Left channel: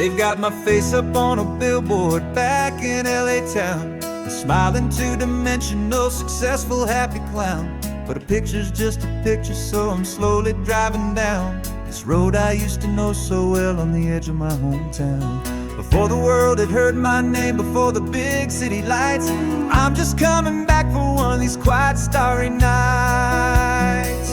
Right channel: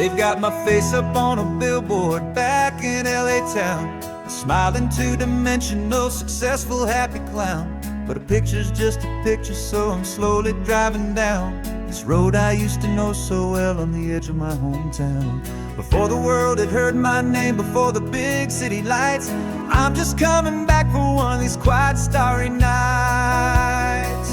They've got my face up on a billboard back in LA town, a smiling two-dimensional, successful, happy clown. But a picture's just a picture, so I'm slowly driving down this road I used to know so well on the edge of my hometown. Before the world had heard my name, before the big city lights, I'm just coming back for one of these quiet, starry nights.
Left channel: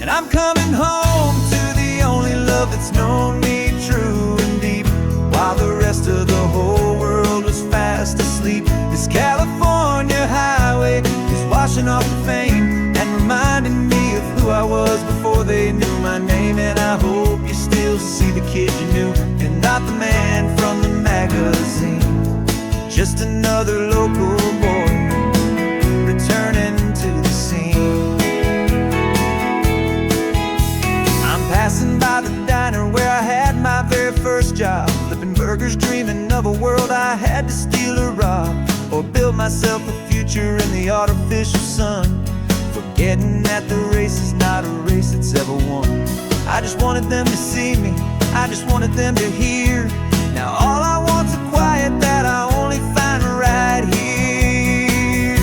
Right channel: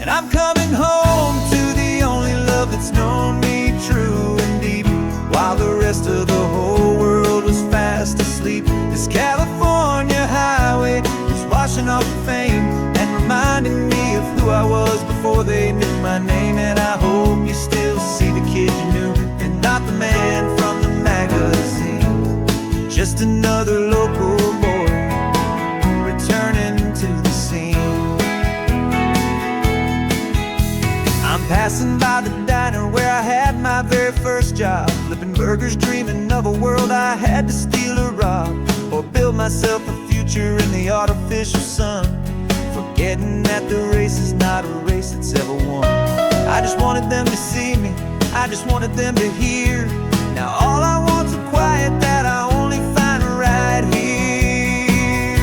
And I'm coming home to the only love that's known me true and deep, while the rest of the whole world was fast asleep. This California highway is washing off the fame and reminding me of who I was before they knew my name. And I hope you still see the kid you knew, and not the man from the magazine. Just another local boy returning to the scene. I'm passing by the diner where I had my very first job, flipping burgers, dreaming of a world I had to steal or rob, or build myself a future in the artificial sun, forgetting that the race is not a race that's ever won. I just wanted them to see me, I just wanted them to hear. Now all I want's a quiet that I only find right here.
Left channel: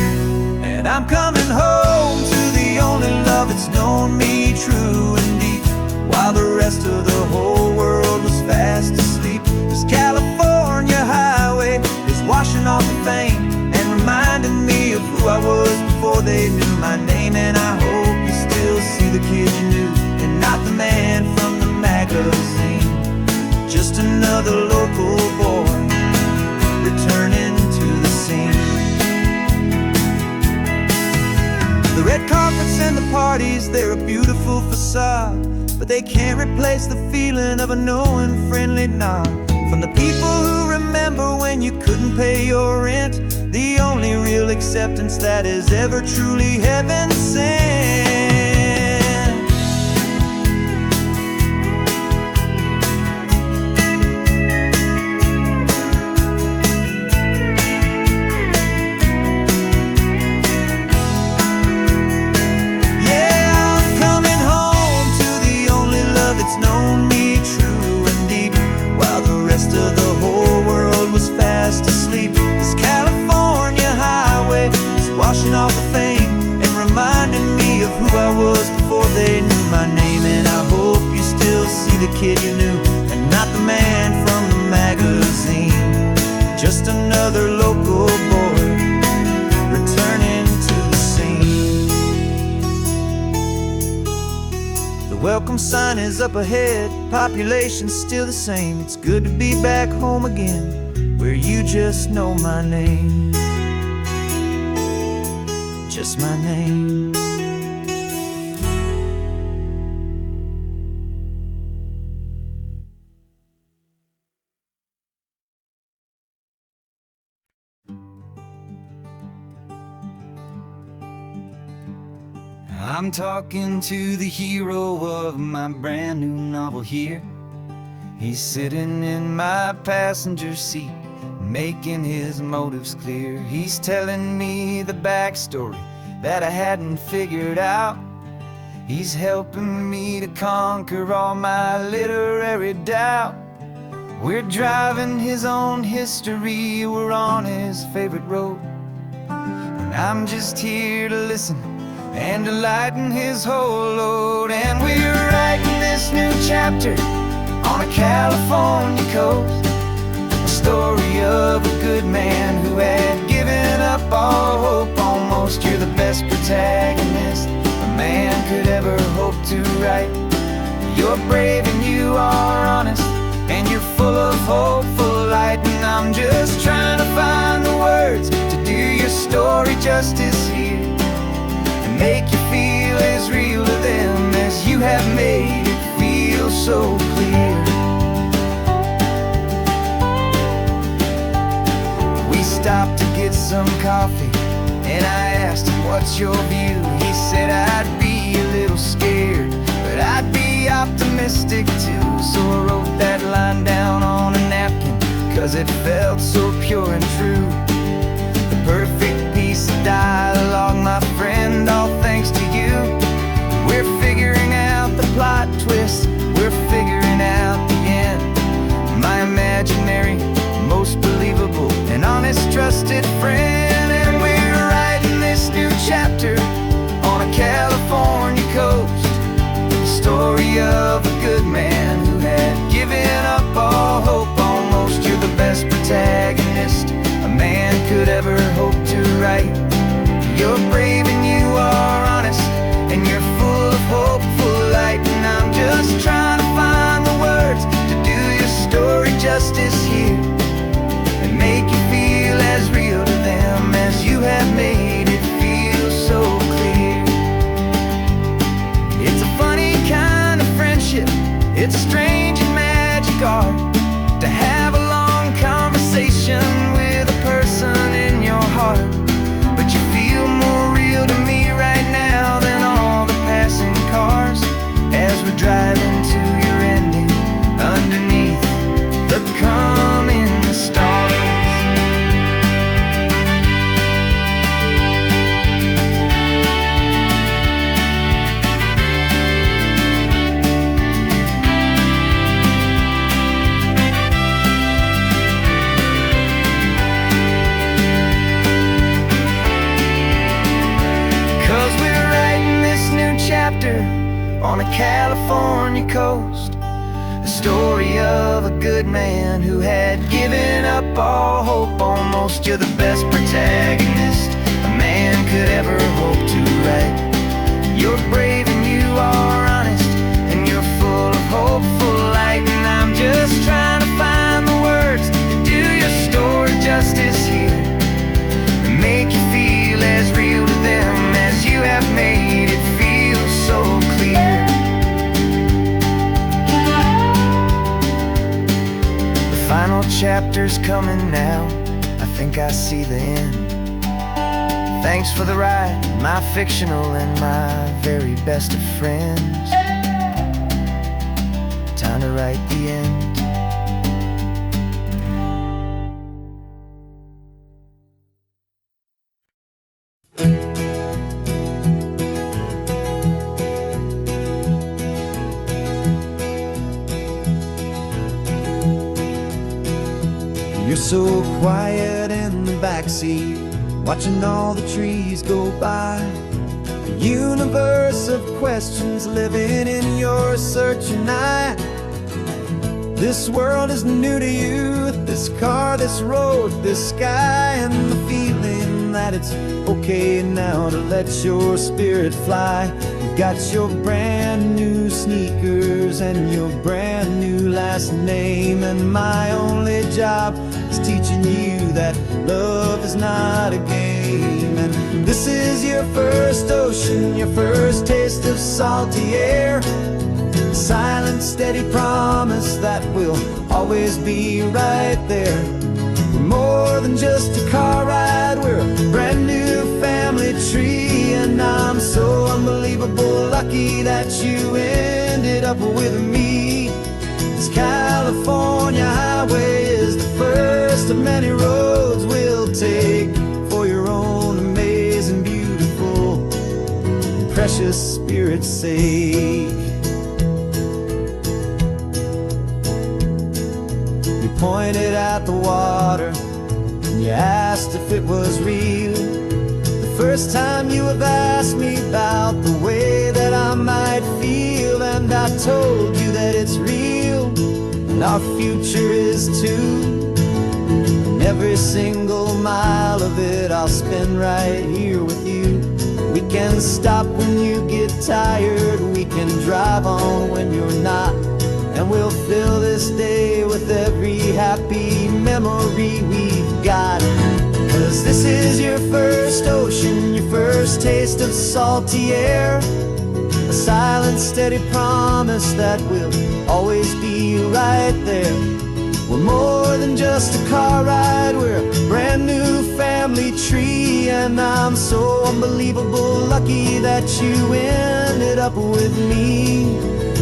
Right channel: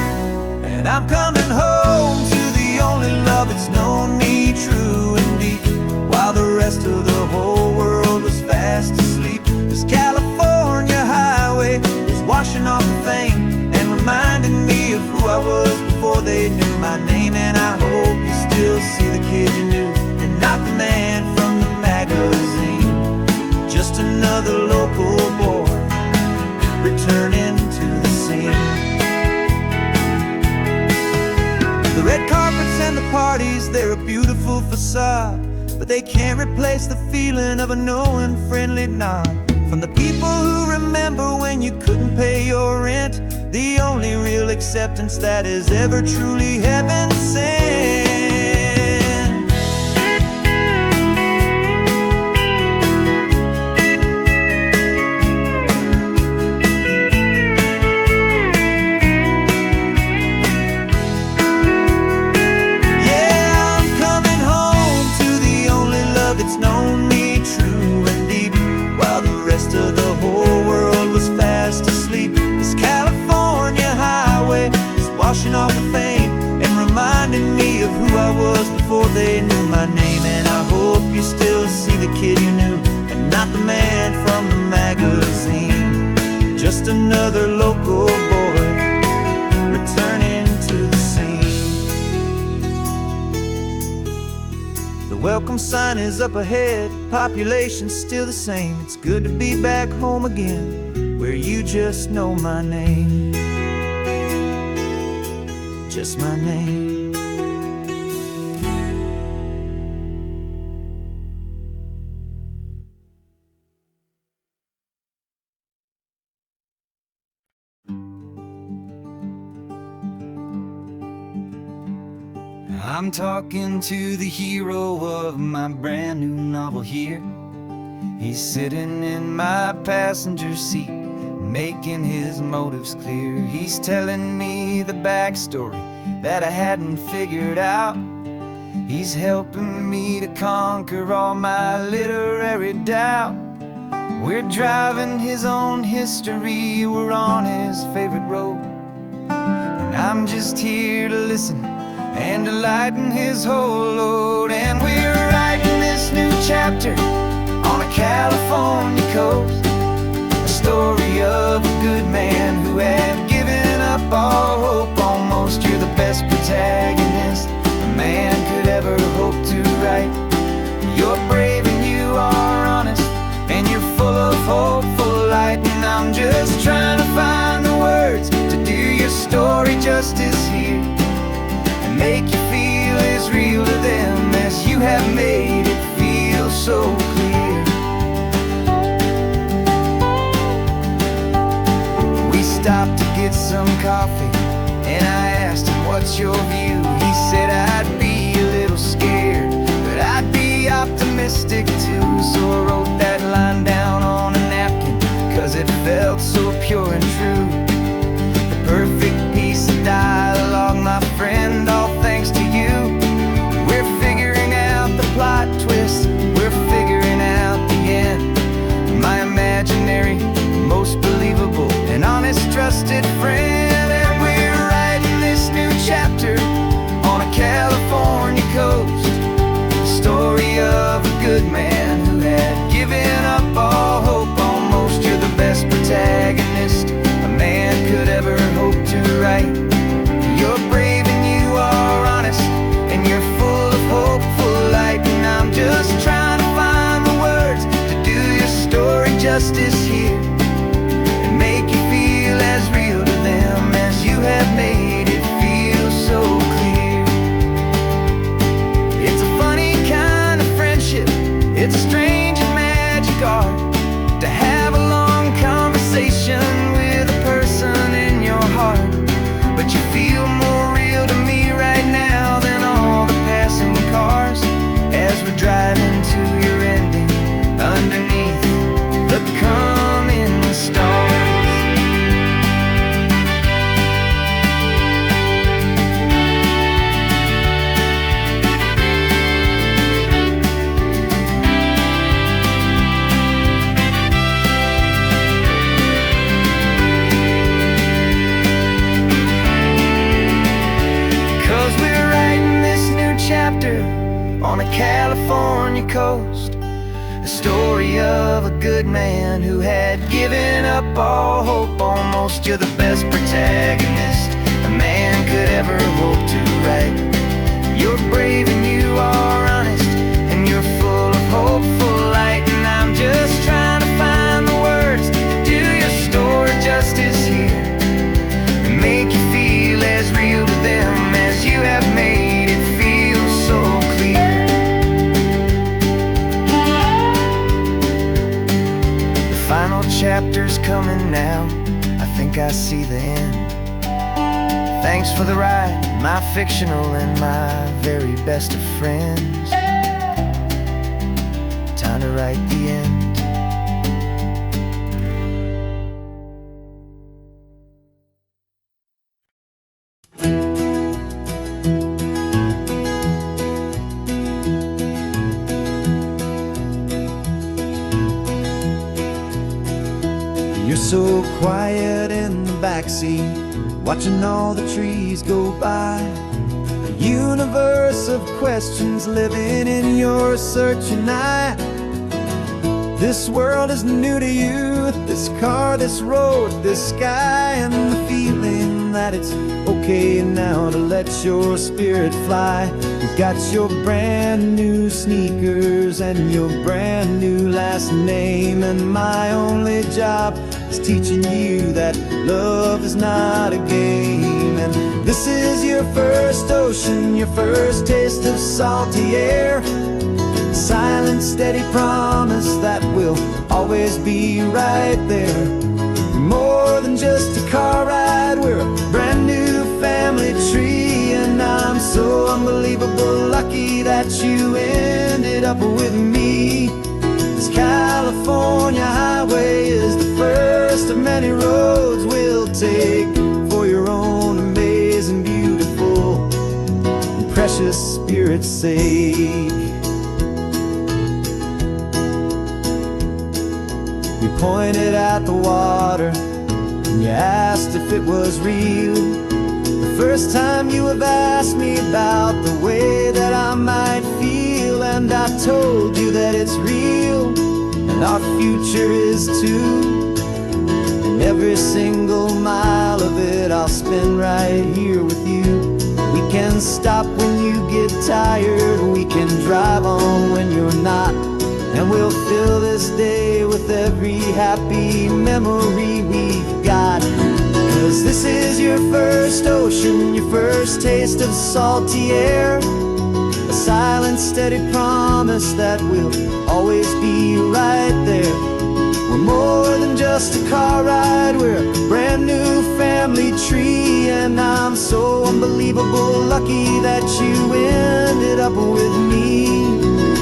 And I'm coming home to the only love that's known me true and deep, while the rest of the whole world was fast asleep. This California highway is washing off the fame and reminding me of who I was before they knew my name. And I hope you still see the kid you knew, and not the man from the magazine. Just another local boy returning to the scene. The red carpets and the parties, they're a beautiful facade, but they can't replace the feeling of a knowing, friendly nod from the people who remember when you couldn't pay your rent. The only real acceptance that is ever truly heaven sent. It's known me true and deep, while the rest of the whole world was fast asleep. This California highway is washing off the fame and reminding me of who I was before they knew my name. And I hope you still see the kid you knew, and not the man from the magazine. Just another local boy returning to the scene. The welcome sign is up ahead, population's still the same. It's good to be back home again, where you just know my name. Just my name. I'm talking to the hero of my brand new novel here. He's sitting in my passenger seat, making his motives clear. He's telling me the backstory that I hadn't figured out. He's helping me to conquer all my literary doubt. We're driving his own history, we're on his favorite road, and I'm just here to listen and to lighten his whole load. And we're writing this new chapter on a California coast, a story of a good man who had given up all hope almost. You're the best protagonist a man could ever hope to write. You're brave and you are honest, and you're full of hopeful light. And I'm just trying to find the words to do your story justice here, make you feel as real to them as you have made it feel so clear. We stopped to get some coffee, and I asked him, what's your view? He said, I'd be a little scared, but I'd be optimistic too. So I wrote that line down on a napkin, 'cause it felt so pure and true. The perfect piece of dialogue, my friend, all thanks to you. We're figuring out the plot twist, we're figuring out the end. My trusted friend. And we're writing this new chapter on a California coast, the story of a good man who had given up all hope almost. You're the best protagonist a man could ever hope to write. You're brave and you are honest, and you're full of hopeful light. And I'm just trying to find the words to do your story justice here, and make you feel as real to them as you have made it feel so clear. It's a funny kind of friendship, it's strange and magic art to have a long conversation with a person in your heart. But you feel more real to me right now than all the passing cars, as we're driving to your ending underneath the coming stars. 'Cause we're writing this new chapter on a California coast, a story of a good man who had given up all hope almost. You're the best protagonist a man could ever hope to write. You're brave and you are honest, and you're full of hopeful light. And I'm just trying to find the words to do your story justice here, and make you feel as real to them as you have made it feel so clear. The final chapter's coming now, I think I see the end. Thanks for the ride, my fictional and my very best of friends. Time to write the end. You're so quiet in the backseat, watching all the trees go by. A universe of questions living in your searching eye. This world is new to you, this car, this road, this sky, and the feeling that it's okay now to let your spirit fly. You've got your brand new sneakers and your brand new last name, and my only job is teaching you that love is not a game. And this is your first ocean, your first taste of salty air, silent, steady promise that we'll always be right there. We're more than just a car ride, we're a brand new family tree. And I'm so unbelievable lucky that you ended up with me. This California highway is the first of many roads we'll take for your own amazing, beautiful, and precious spirit's sake. You pointed at the water and you asked if it was real. The first time you have asked me about the way that I might feel, and I told you that it's real and our future is too. And every single mile of it I'll spend right here with you. We can stop when you get tired, we can drive on when you're not, and we'll fill this day with every happy memory we've got. 'Cause this is your first ocean, your first taste of salty air, a silent, steady promise that we'll always be right there. We're more than just a car ride, we're a brand new family tree. And I'm so unbelievable lucky that you ended up with me.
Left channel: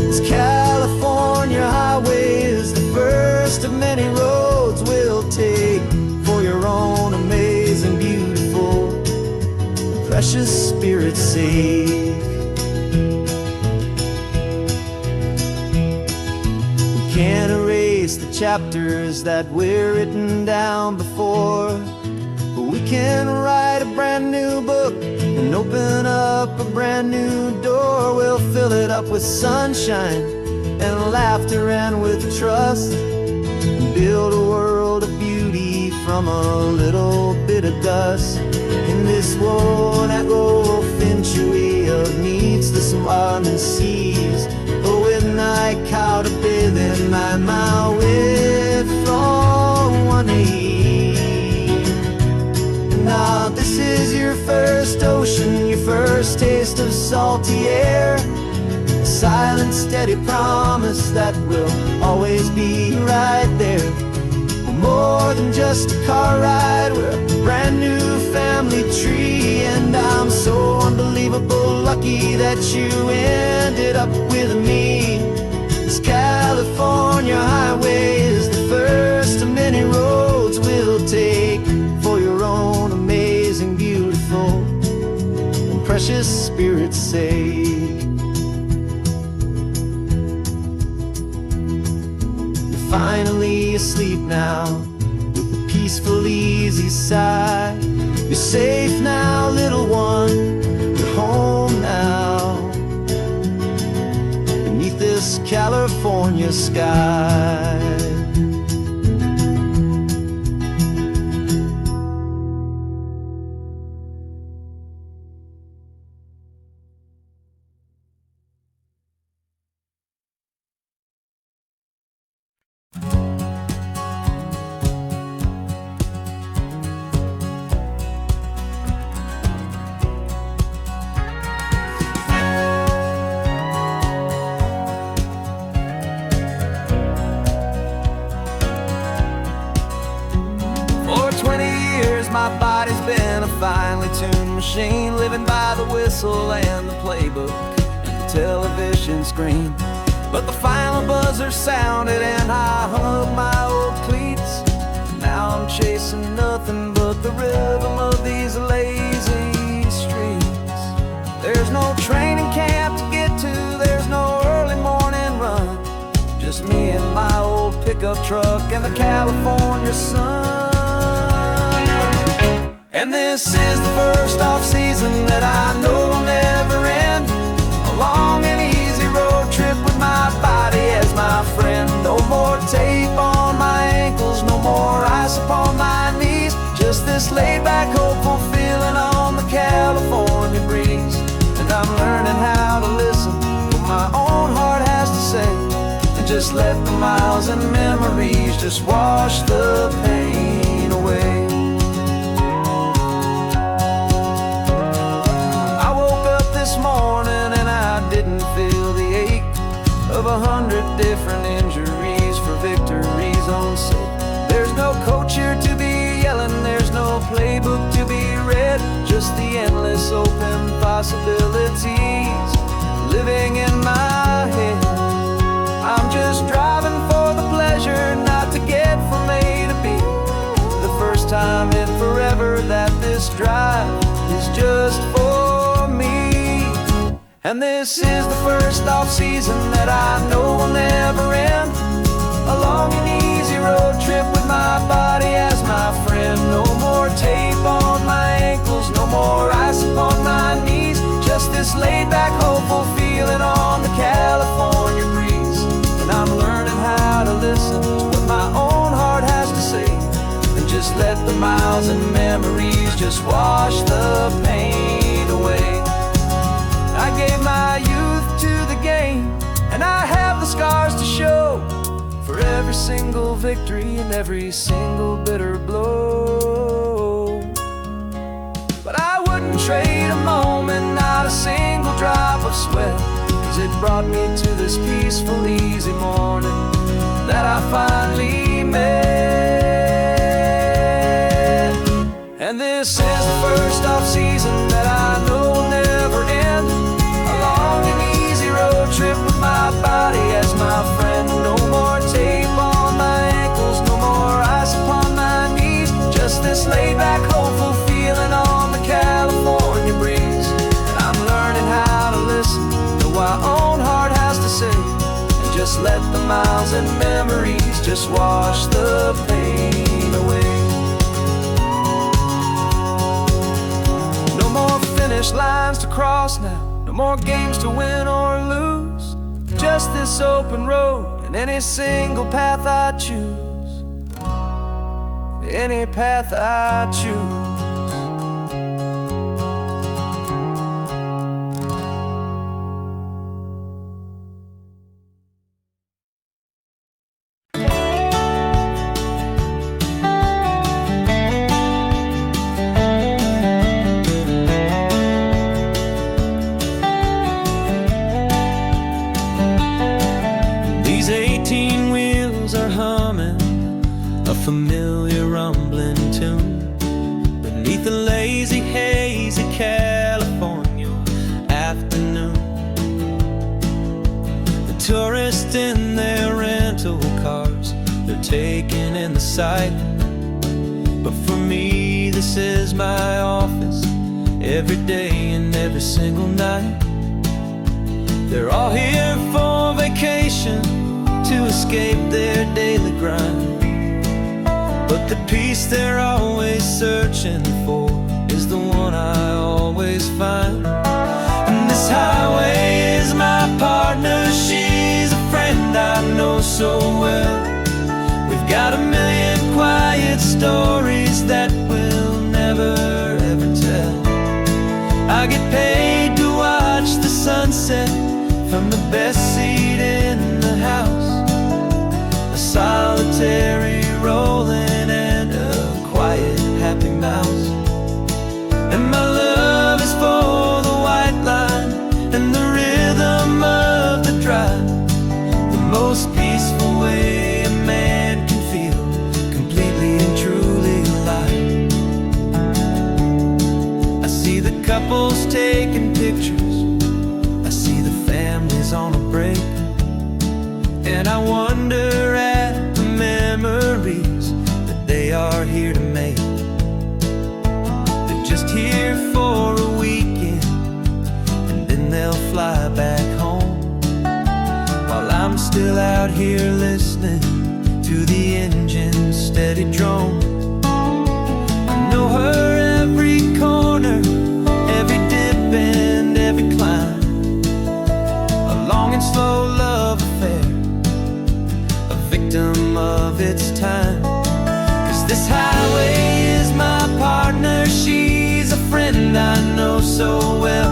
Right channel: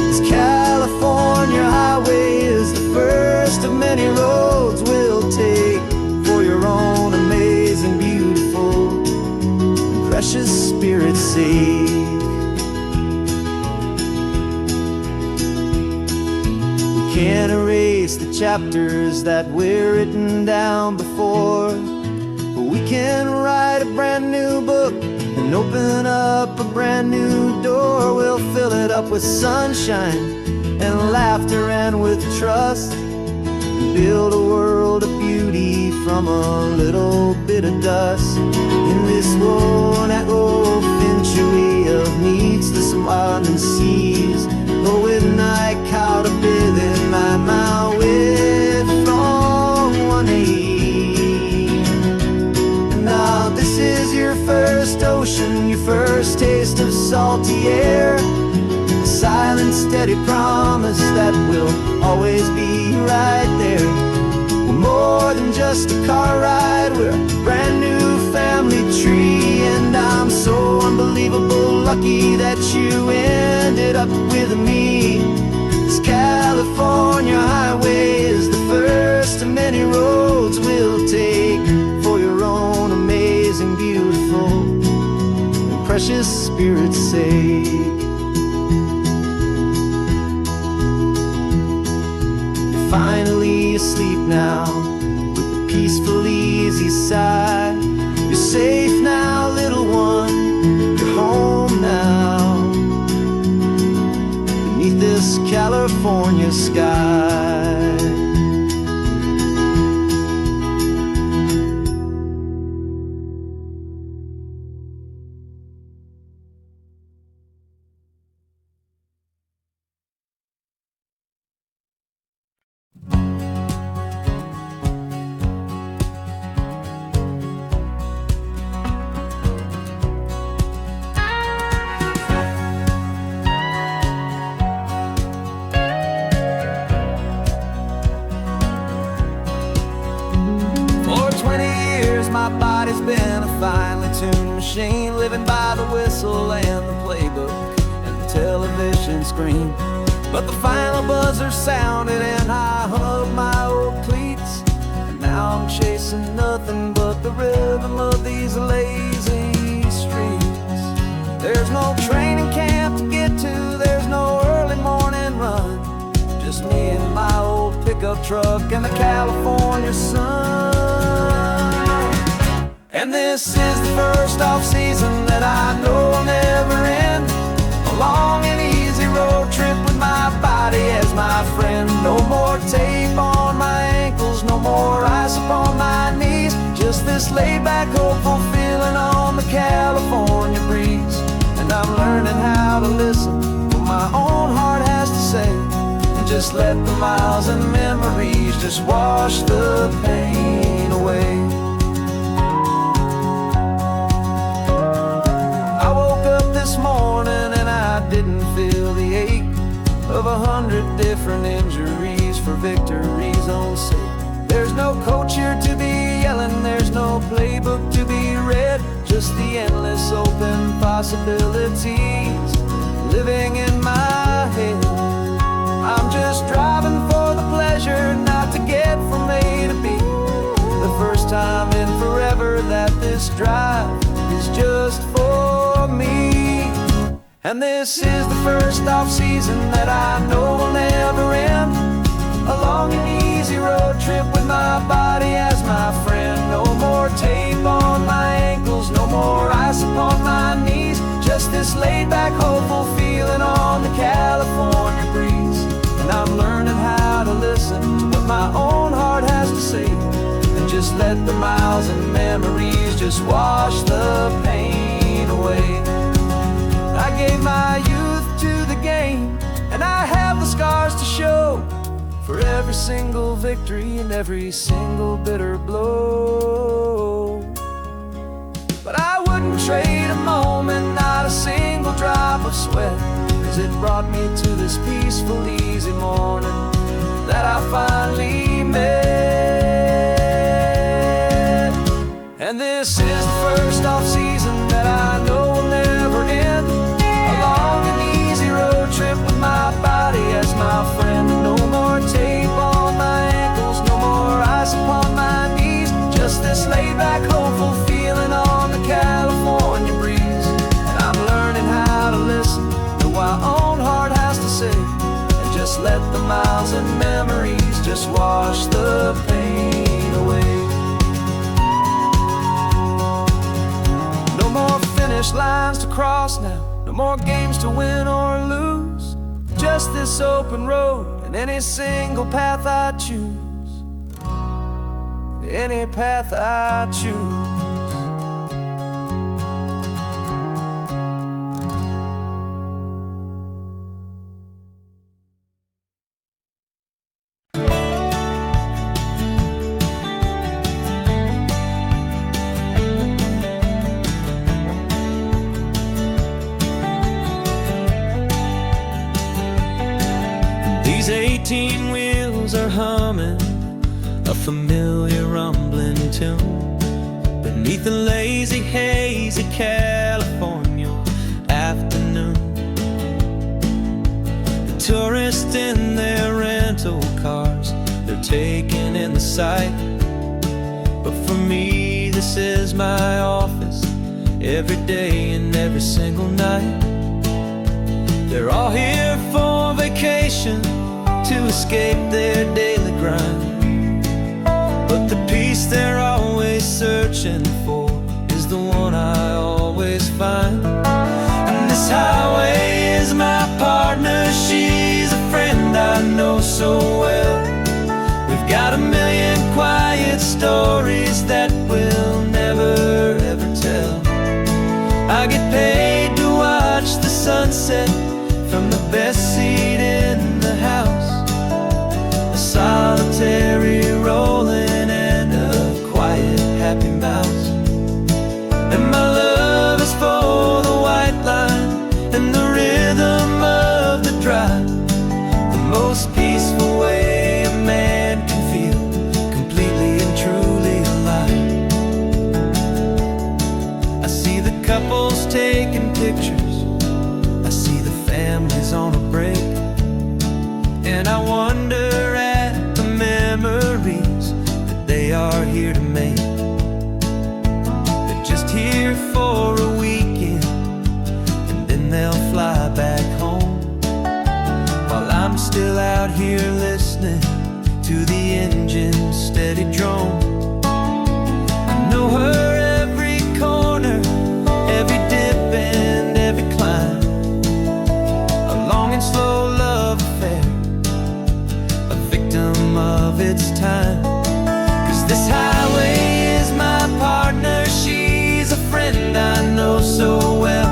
This California highway is the first of many roads we'll take for your own amazing, beautiful, and precious spirit's sake. We can't erase the chapters that we're written down before, We can write a brand new book and open up a brand new door. We'll fill it up with sunshine and laughter and with trust, and build a world of beauty from a little bit of dust. In this world finchwy of needs the smarten seas, och when I caught a bit in my mouth with from one aim. Now this is your first ocean, your first taste of salty air, a silent steady promise that we'll always be right there. We're more than just a car ride, we're a brand new family tree. And I'm so unbelievable lucky that you ended up with me. This California highway is the first of many roads we'll take for your own amazing, beautiful, and precious spirit's sake. Finally asleep now with a peaceful, easy sigh. You're safe now, little one, you're home now, beneath this California sky. For 20 years my body's been a finely tuned machine, living by the whistle and the playbook and the television screen. But the final buzzer sounded and I hung up my old cleats, and now I'm chasing nothing but the rhythm of these lazy streets. There's no training camp to get to, there's no early morning run, just me and my old pickup truck and the California sun. And this is the first off-season that I know will never end, a long and easy road trip with my body as my friend. No more tape on my ankles, no more ice upon my knees, just this laid-back, hopeful feeling on the California breeze. And I'm learning how to listen to what my own heart has to say, and just let the miles and memories just wash the pain away. I woke up this morning and I didn't feel the ache of 100 different injuries for victories on sake. There's no coach here to be yelling, there's no playbook to be read, just the endless open possibilities living in my head. I'm just driving for the pleasure, not to get from A to B. The first time in forever that this drive is just for me. And this is the first off-season that I know will never end, a long and easy road trip with my body as my friend. No more tape on my ankles, no more ice upon my knees, just this laid-back, hopeful feeling on the California breeze. And I'm learning how to listen to what my own heart has to say, and just let the miles and memories just wash the pain away. I gave my youth to the game, and I have the scars to show for every single victory and every single bitter blow. But I wouldn't trade a moment, not a single drop of sweat, 'cause it brought me to this peaceful, easy morning that I finally met. And this is the first off-season that I know will never end, a long and easy road trip with my body as my friend. No more tape on my ankles, no more ice upon my knees, just this laid-back, hopeful feeling on the California breeze. And I'm learning how to listen to what my own heart has to say, and just let the miles and memories just wash the pain away. finish lines to cross now. No more games to win or lose. Just this open road and any single path I choose. Any path I choose. These 18 wheels are humming a familiar rumbling tune beneath the lazy haze of California afternoon. The tourists in their rental cars, they're taking in the sight. But for me, this is my office, every day and every single night. They're all here for vacation, to escape their daily grind. But the peace they're always searching for is the one I always find. And this highway is my partner, she's a friend I know so well. We've got a million quiet stories that we'll never ever tell. I get paid to watch the sunset from the best seat in the house. A solitary rolling and a quiet happy mouse. And my love is for the white line and the rhythm of the drive. The most peaceful way a man can feel completely and truly alive. I see the couples taking pictures, I see the families on a break, and I wonder at the memories that they are here to make. They're just here for a weekend, and then they'll fly back home, while I'm still out here listening to the engine's steady drone. I know her every corner, every dip and every climb. A long and slow love affair, a victim of its time. 'Cause this highway is my partner, she's a friend I know so well.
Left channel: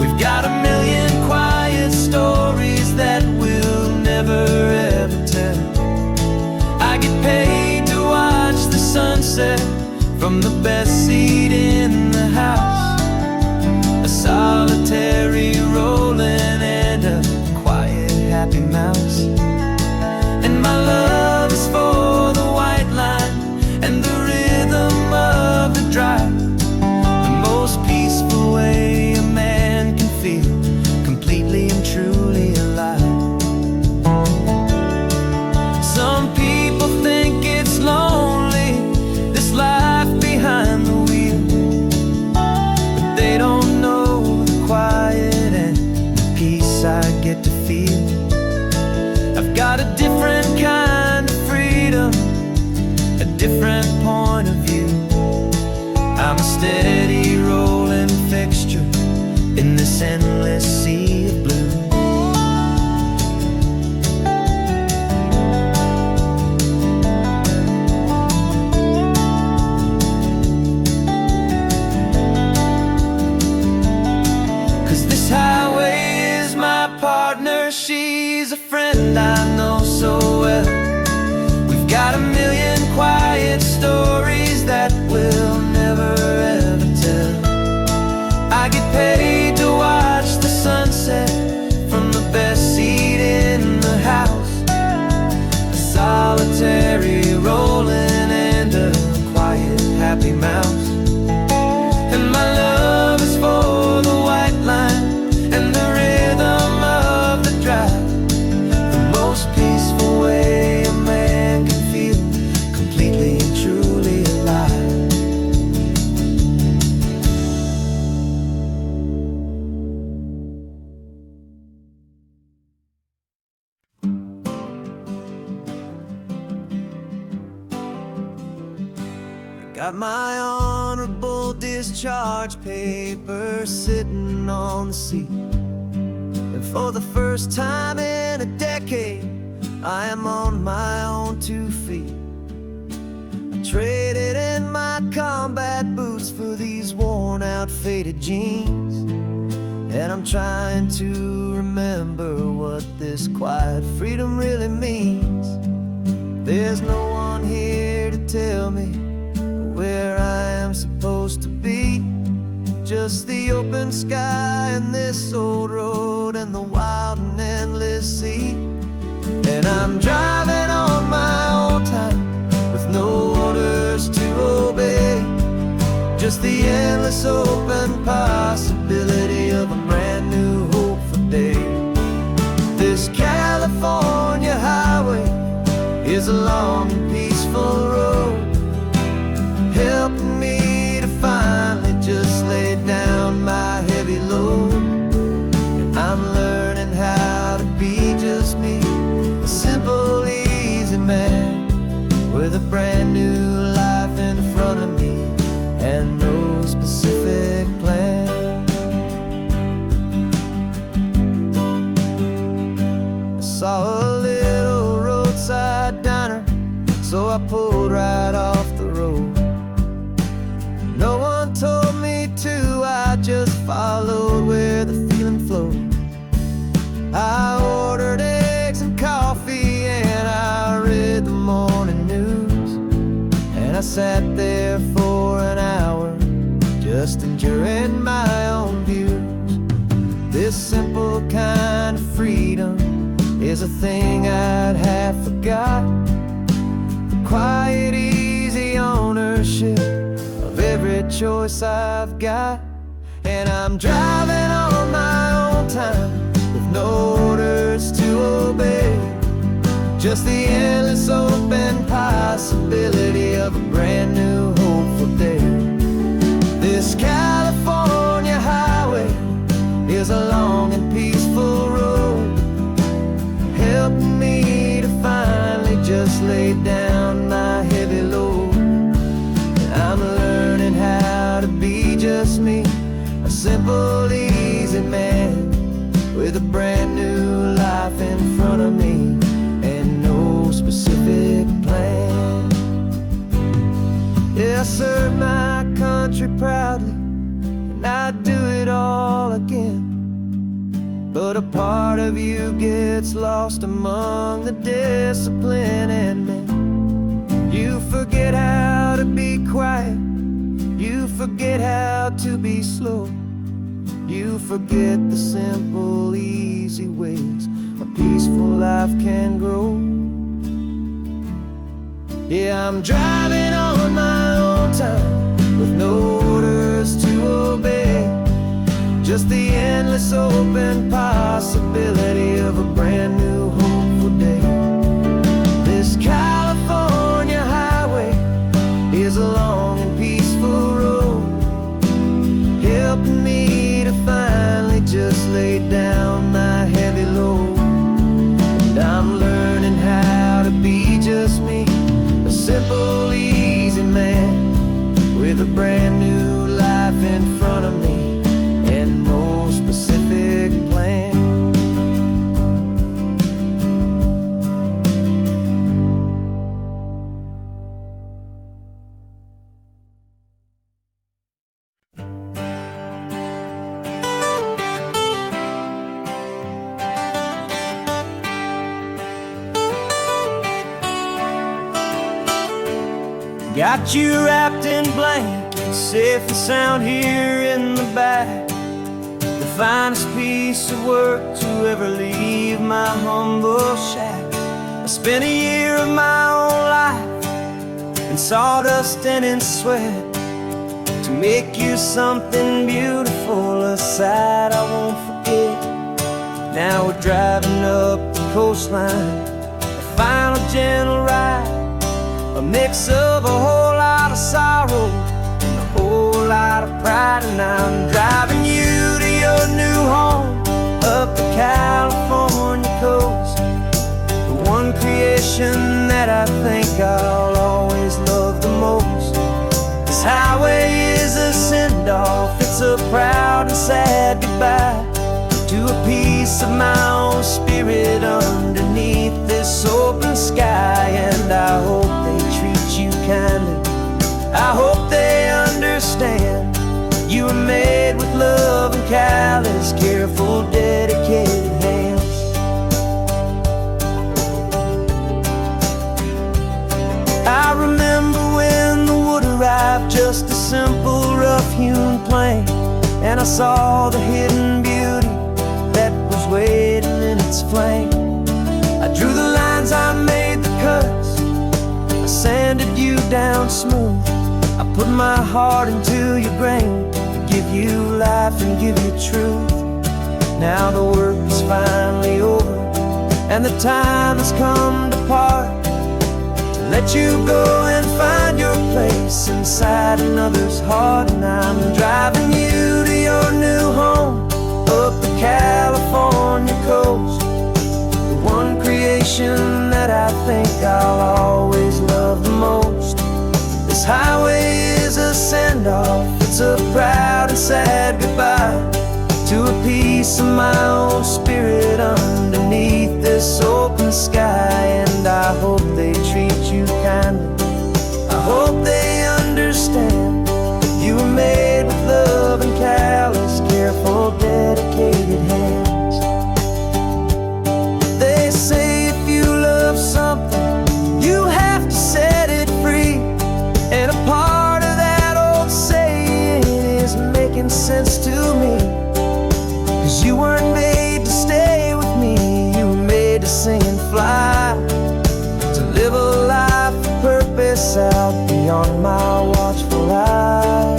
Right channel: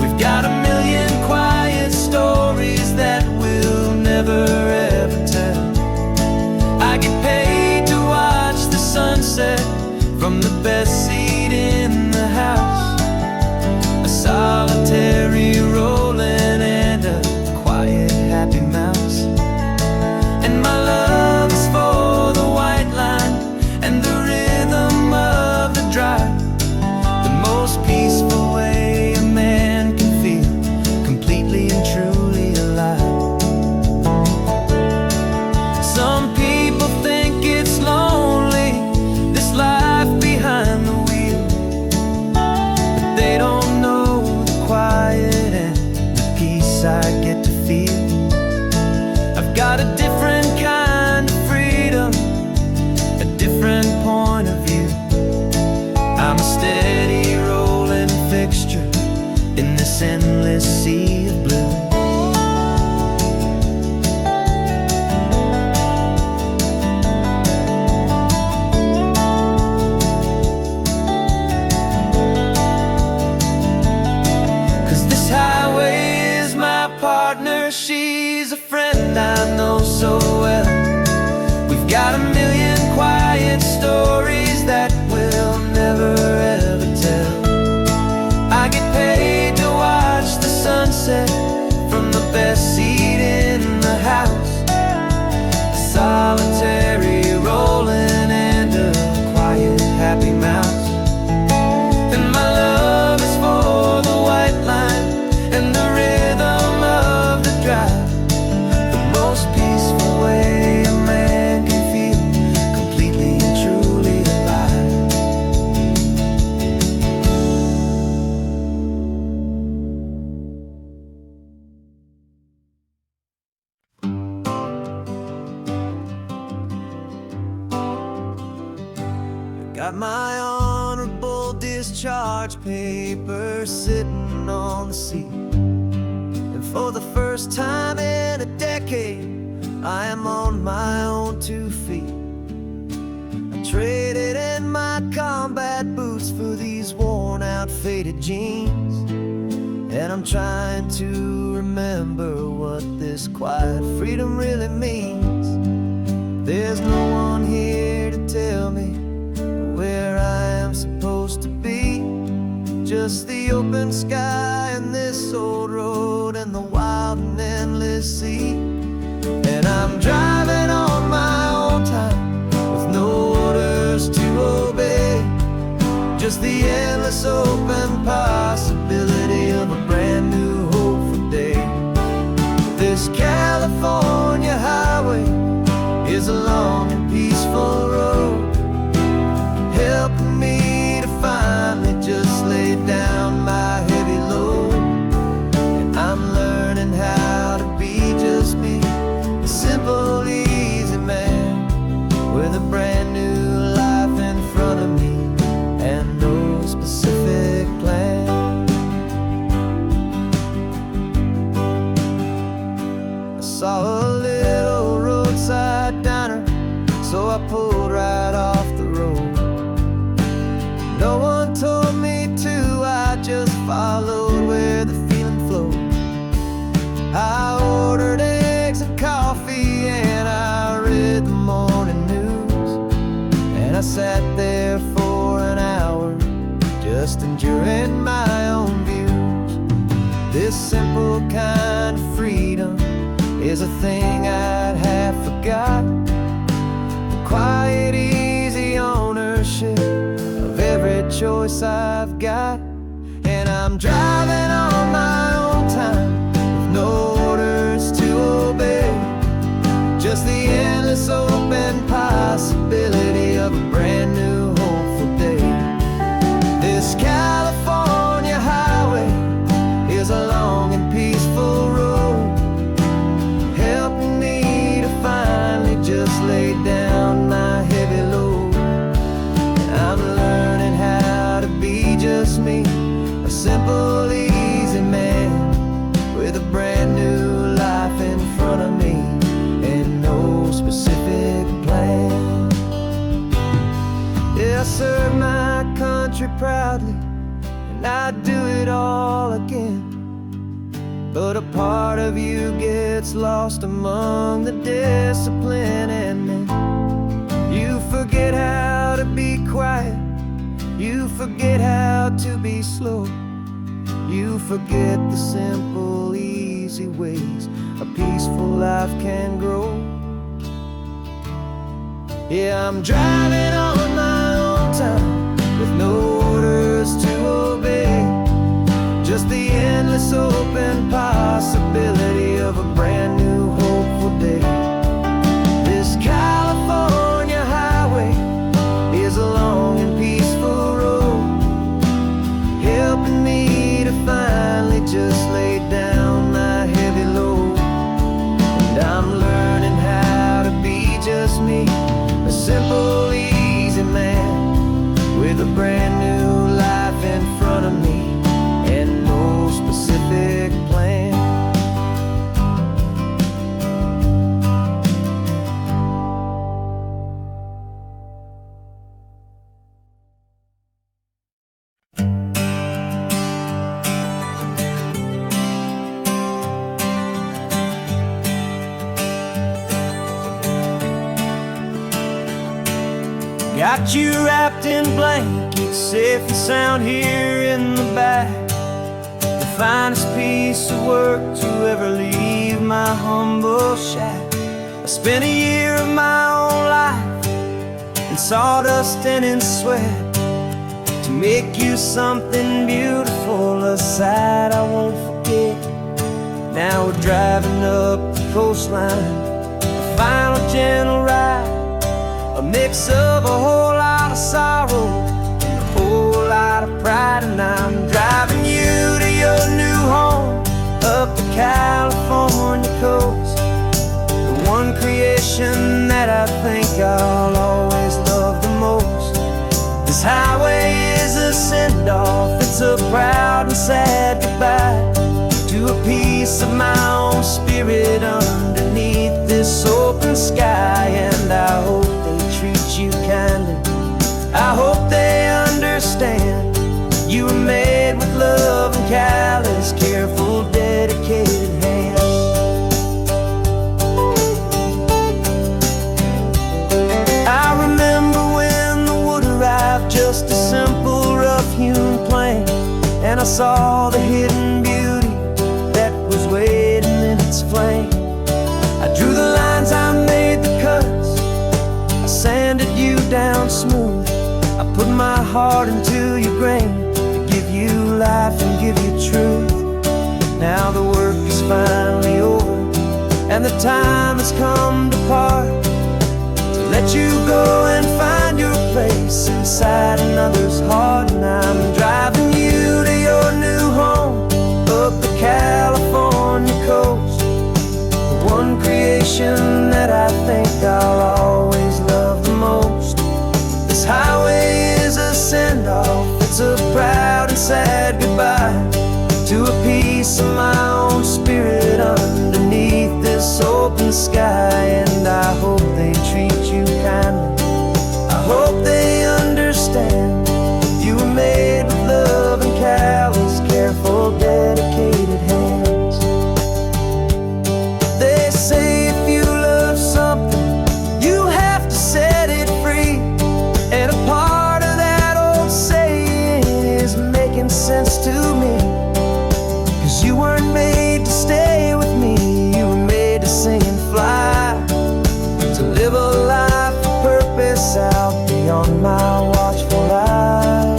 We've got a million quiet stories that we'll never ever tell. I get paid to watch the sunset from the best seat in the house. A solitary rolling and a quiet happy mouse. And my love is for the white line and the rhythm of the drive. The most peaceful way a man can feel completely and truly alive. Some people think it's lonely, this life behind the wheel, but they don't know the quiet and the peace I get to feel. I've got a different kind of freedom, a different point of view. I'm a steady rolling fixture in this endless sea of blue. This highway is my partner, she's a friend I know so well. We've got a million quiet stories that we'll never ever tell. I get paid to watch the sunset from the best seat in the house. A solitary rolling and a quiet happy mouse. And my love is for the white line and the rhythm of the drive. The most peaceful way a man can feel completely and truly alive. Got my honorable discharge paper sitting on the seat, and for the first time in a decade, I am on my own 2 feet. I traded in my combat boots for these worn out faded jeans, and I'm trying to remember what this quiet freedom really means. There's no one here to tell me where I am supposed to be, just the open sky and this old road and the wild and endless sea. And I'm driving on my own time with no orders to obey, just the endless open possibility of a brand new hopeful day. This California highway is a long and peaceful road, helping me to finally just lay down my heavy load. And I'm learning how to be just me, a simple, easy man with a brand new life in front of me and no specific plan. I saw a little roadside diner, so I pulled right off the road. No one told me to, I just followed where the feeling flowed. I ordered eggs and coffee and I read the morning news, and I sat there for an hour just enduring my own views. This simple kind of freedom is a thing I'd have forgot, the quiet, easy ownership of every choice I've got. And I'm driving on my own time with no orders to obey, just the endless open possibility of a brand new hopeful day. This California highway is a long and peaceful road, helping me to finally just lay down my heavy load. I'm learning how to be just me, a simple, easy man with a brand new life in front of me and no specific plan. Yeah, I serve my country proudly and I'd do it all again, but a part of you gets lost among the discipline, and then you forget how to be quiet, you forget how to be slow, you forget the simple, easy ways a peaceful life can grow. Yeah, I'm driving on my own time with no orders to obey, just the endless open possibility of a brand new hopeful day. This California highway is a long and peaceful road, helping me to finally just lay down my heavy load. And I'm learning how to be just me, a simple, easy man with a brand new life in front of me and no specific plan. Got you wrapped in blankets, safe and sound here in the back, the finest piece of work to ever leave my humble shack. I spent a year of my own life in sawdust and in sweat to make you something beautiful, a sight I won't forget. Now we're driving up the coastline, a final gentle ride, a mix of a whole lot of sorrow and a whole lot of pride. And I'm driving you to your new home up the California coast, the one creation that I think I'll always love the most. This highway is a send-off, it's a proud and sad goodbye to a piece of my own spirit underneath this open sky. And I hope they treat you kindly, I hope they understand you were made with love and callous, careful, dedicated hands. I remember when the wood arrived, just a simple rough-hewn plank, and I saw the hidden beauty that was waiting in its flame. I drew the lines, I made the cuts, I sanded you down smooth. I put my heart into your grain to give you life and give you truth. Now the work is finally over, and the time has come to part, to let you go and find your place inside another's heart. And I'm driving you to your new home up the California coast, the one creation that I think I'll always love the most. This highway is a send-off, it's a proud and sad goodbye to a piece of my own spirit underneath this open sky. And I hope they treat you kindly, I hope they understand you were made with love and callous, careful, dedicated hands. They say if you love something, you have to set it free. And a part of that old saying is making sense to me, 'cause you weren't made to stay with me, you were made to sing and fly, to live a life of purpose out beyond my watchful eye.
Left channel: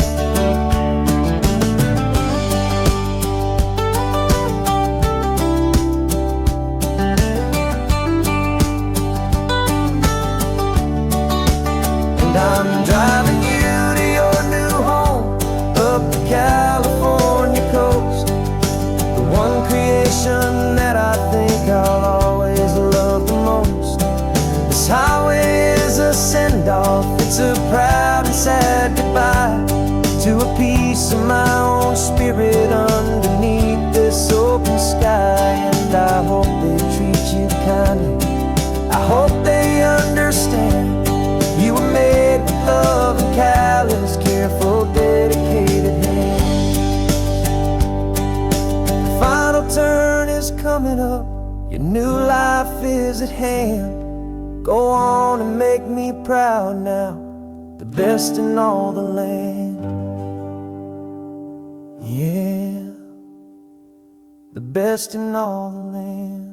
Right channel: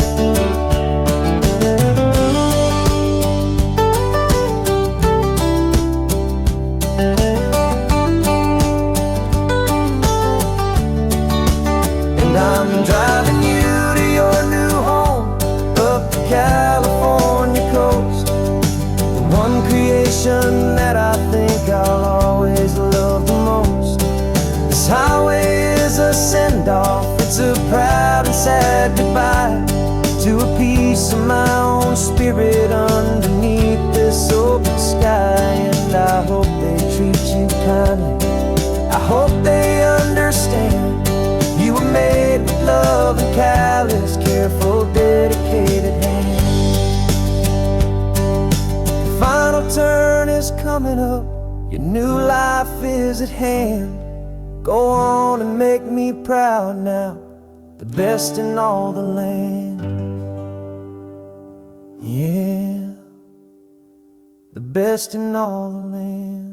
And I'm driving you to your new home up the California coast, the one creation that I think I'll always love the most. This highway is a send-off, it's a proud and sad goodbye to a piece of my own spirit underneath this open sky. And I hope they treat you kindly, I hope they understand you were made with love and callous, careful, dedicated hands. The final turn is coming up, your new life is at hand. Go on and make me proud now, the best in all the land. Yeah, the best in all the land.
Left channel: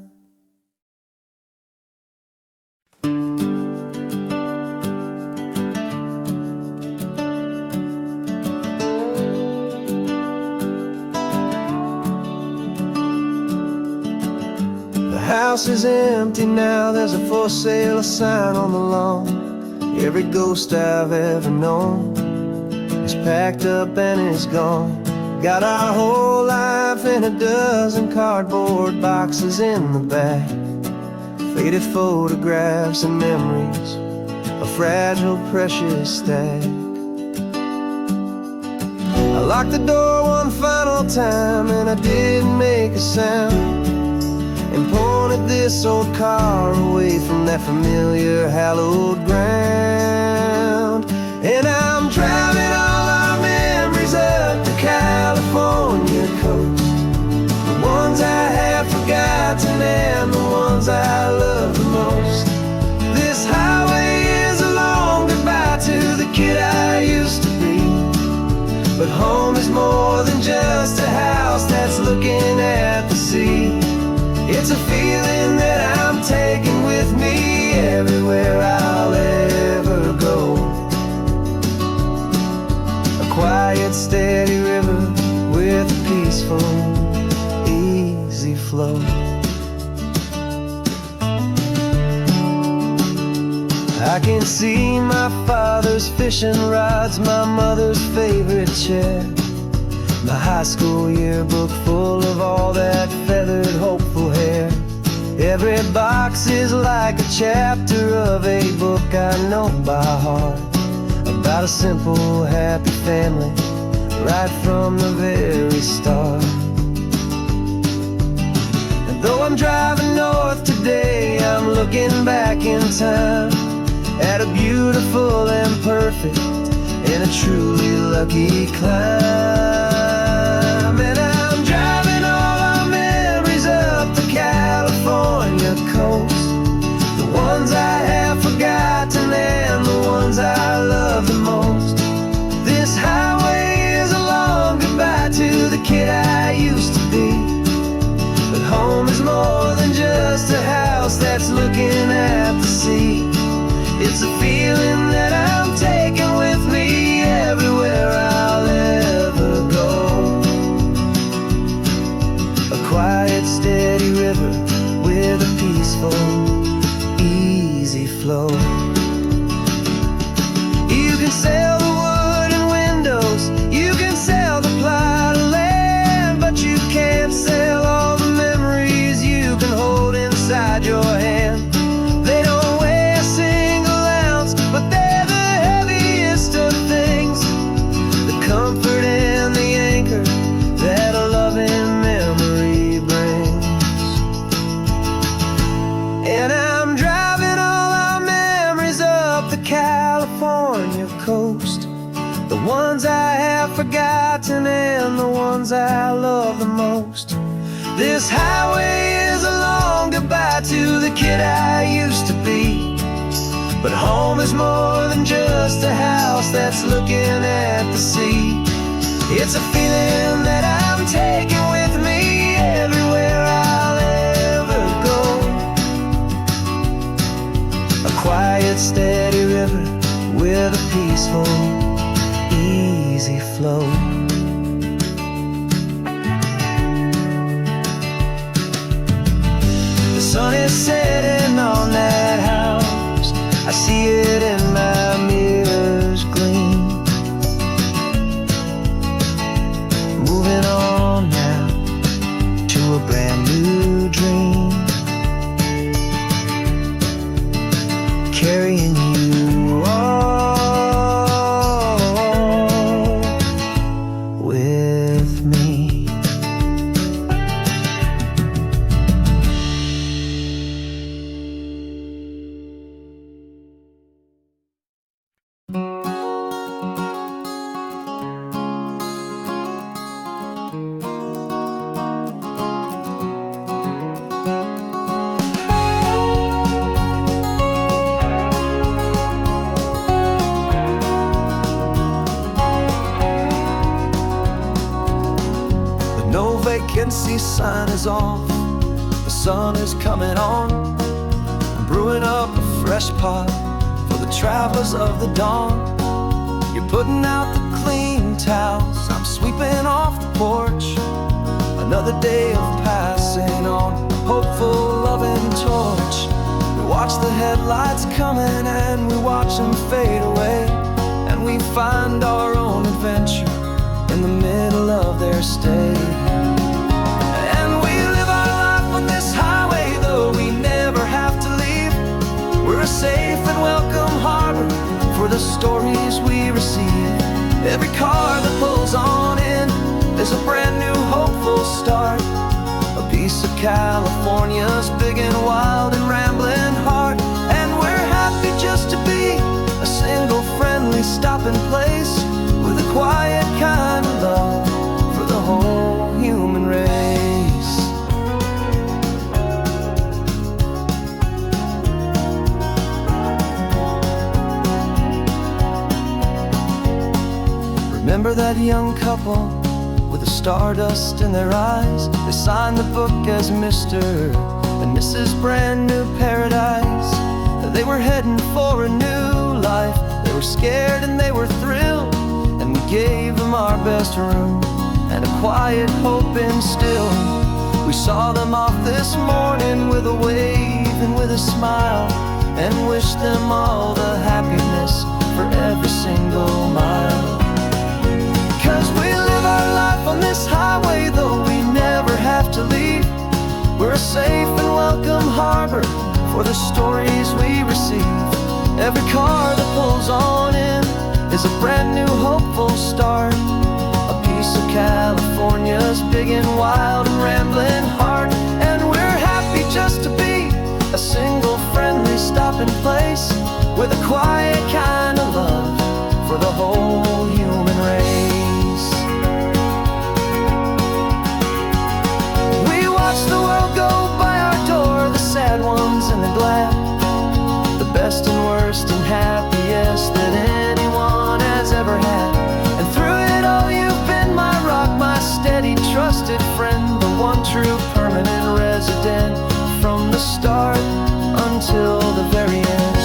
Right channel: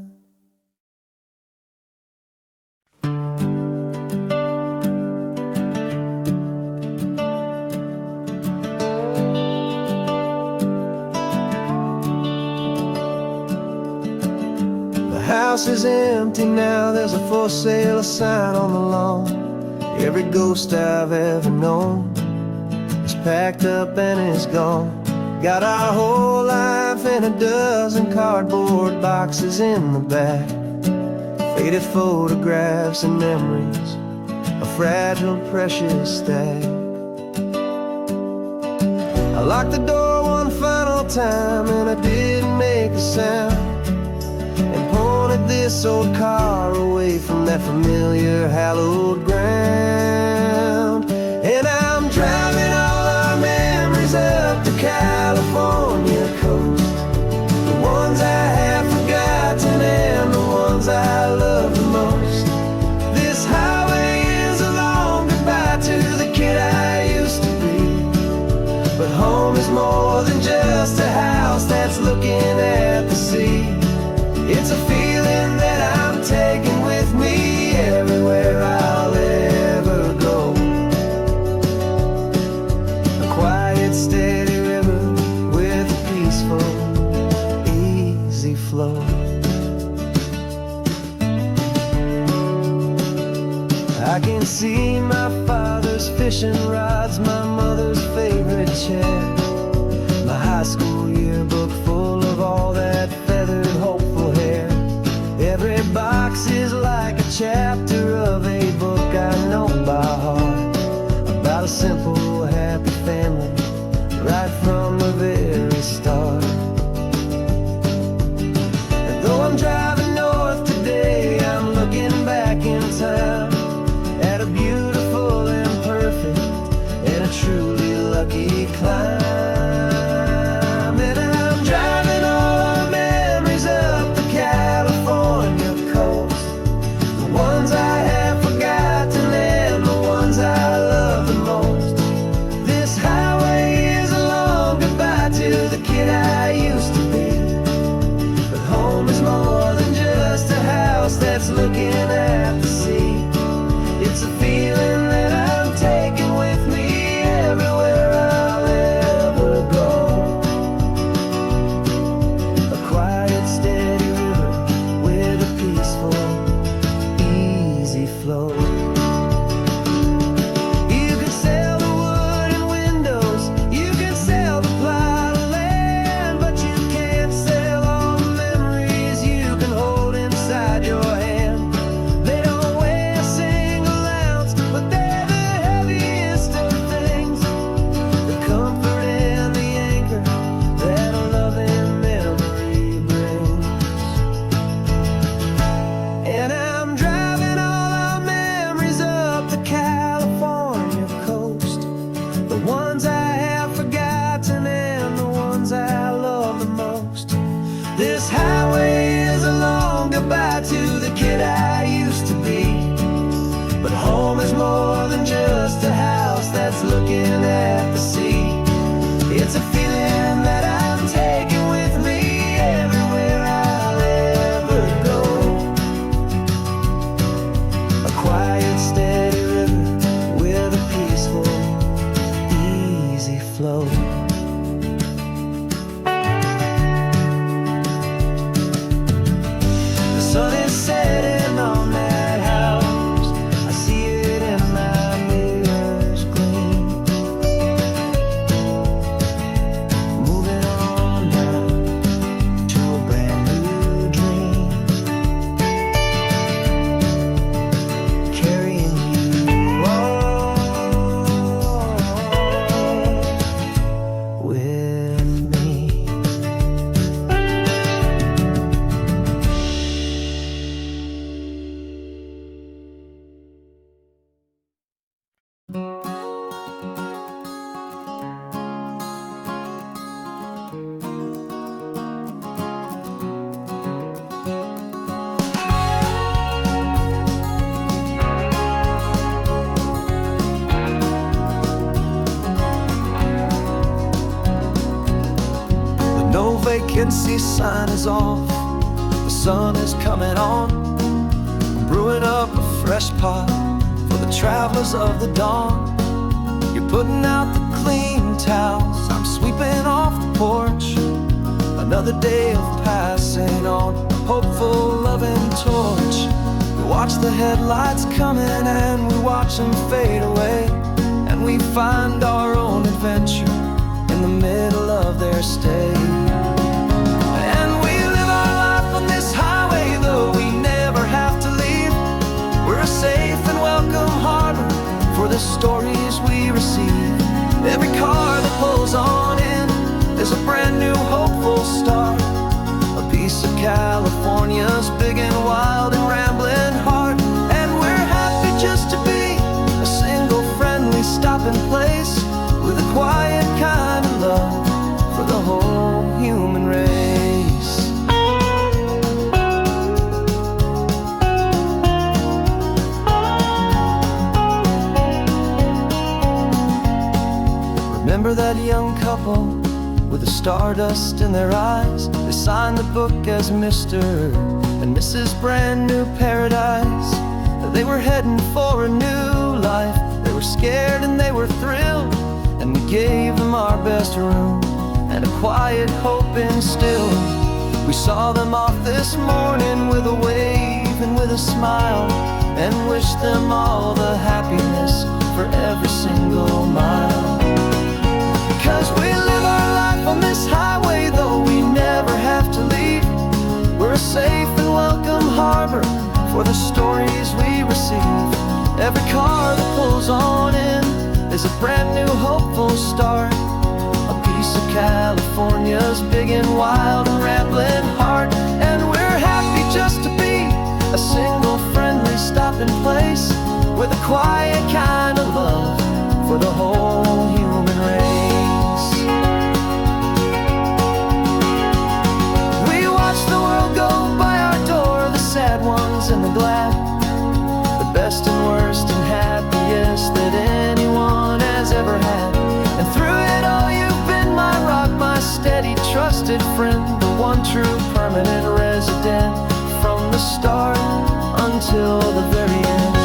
The house is empty now, there's a for sale sign on the lawn. Every ghost I've ever known is packed up and is gone. Got our whole life in a dozen cardboard boxes in the back, faded photographs and memories, a fragile, precious stack. I locked the door one final time and I didn't make a sound, and pointed this old car away from that familiar hallowed ground. And I'm driving all our memories up the California coast, the ones I have forgotten and the ones I love the most. This highway is a long goodbye to the kid I used to be, but home is more than just a house that's looking at the sea. It's a feeling that I'm taking with me everywhere I'll ever go. A quiet, steady river with a peaceful, easy flow. I can see my father's fishing rods, my mother's favorite chair, my high school yearbook full of all that feathered, hopeful hair. Every box is like a chapter of a book I know by heart, about About a simple, happy family right from the very start. And though I'm driving north today, I'm looking back in time at a beautiful and perfect and a truly lucky climb. And I'm driving all our memories up the California coast, the ones I have forgotten and the ones I love the most. This highway is a long goodbye to the kid I used to be. But home is more than just a house that's looking at the sea. It's a feeling that I'm taking with me everywhere I'll ever go. A quiet, steady river with a peaceful, easy flow. You can sail the wooden windows, you can sail the plot of land, but you can't sail all the memories you can hold inside your hand. They don't weigh a single ounce, but they're the heaviest of things, the comfort and the anchor that a loving memory brings. And I'm driving all our memories up the California coast, the ones I have forgotten and the ones I love the most. This highway is a long goodbye to the kid I used to be. But home is more than just a house that's looking at the sea. It's a feeling that I'm taking with me everywhere I'll ever go. A quiet, steady river with a peaceful, easy flow. The sun is setting on that house, I see it in my mirror's gleam. Moving on now to a brand new dream, carrying you all with me. No vacancy sign is off, the sun is coming on. I'm brewing up a fresh pot for the travelers of the dawn. You're putting out the clean towels, I'm sweeping off the porch. Another day of passing on, a hopeful, loving torch. We watch the headlights coming and we watch them fade away, and we find our own adventure in the middle of their stay. And we live our life on this highway, though we never have to leave. We're a safe and welcome harbor for the stories we receive. Every car that pulls on in is a brand new hopeful start, a piece of California's big and wild and rambling heart. And we're happy just to be a single friendly stopping place, with a quiet kind of love for the whole human race. Remember that young couple with the stardust in their eyes? They signed the book as Mr. and Mrs. Brand New Paradise. They were heading for a new life. They were scared and they were thrilled, and we gave them our best room and a quiet hope instilled. We saw them off this morning with a wave and with a smile, and wished them all the happiness for every single mile. 'Cause we live our life on this highway, though we never have to leave. We're a safe and welcome harbor for the stories we receive. Every car that pulls on in is a brand new hopeful start. A piece of California's big and wild and rambling heart. And we're happy just to be a single friendly stopping place with a quiet kind of love for the whole human race. We watch the world go by our door, the sad ones and the glad, the best and worst and happiest that anyone has ever had. And through it all you've been my rock, my steady trusted friend, the one true permanent resident from the start until the very end.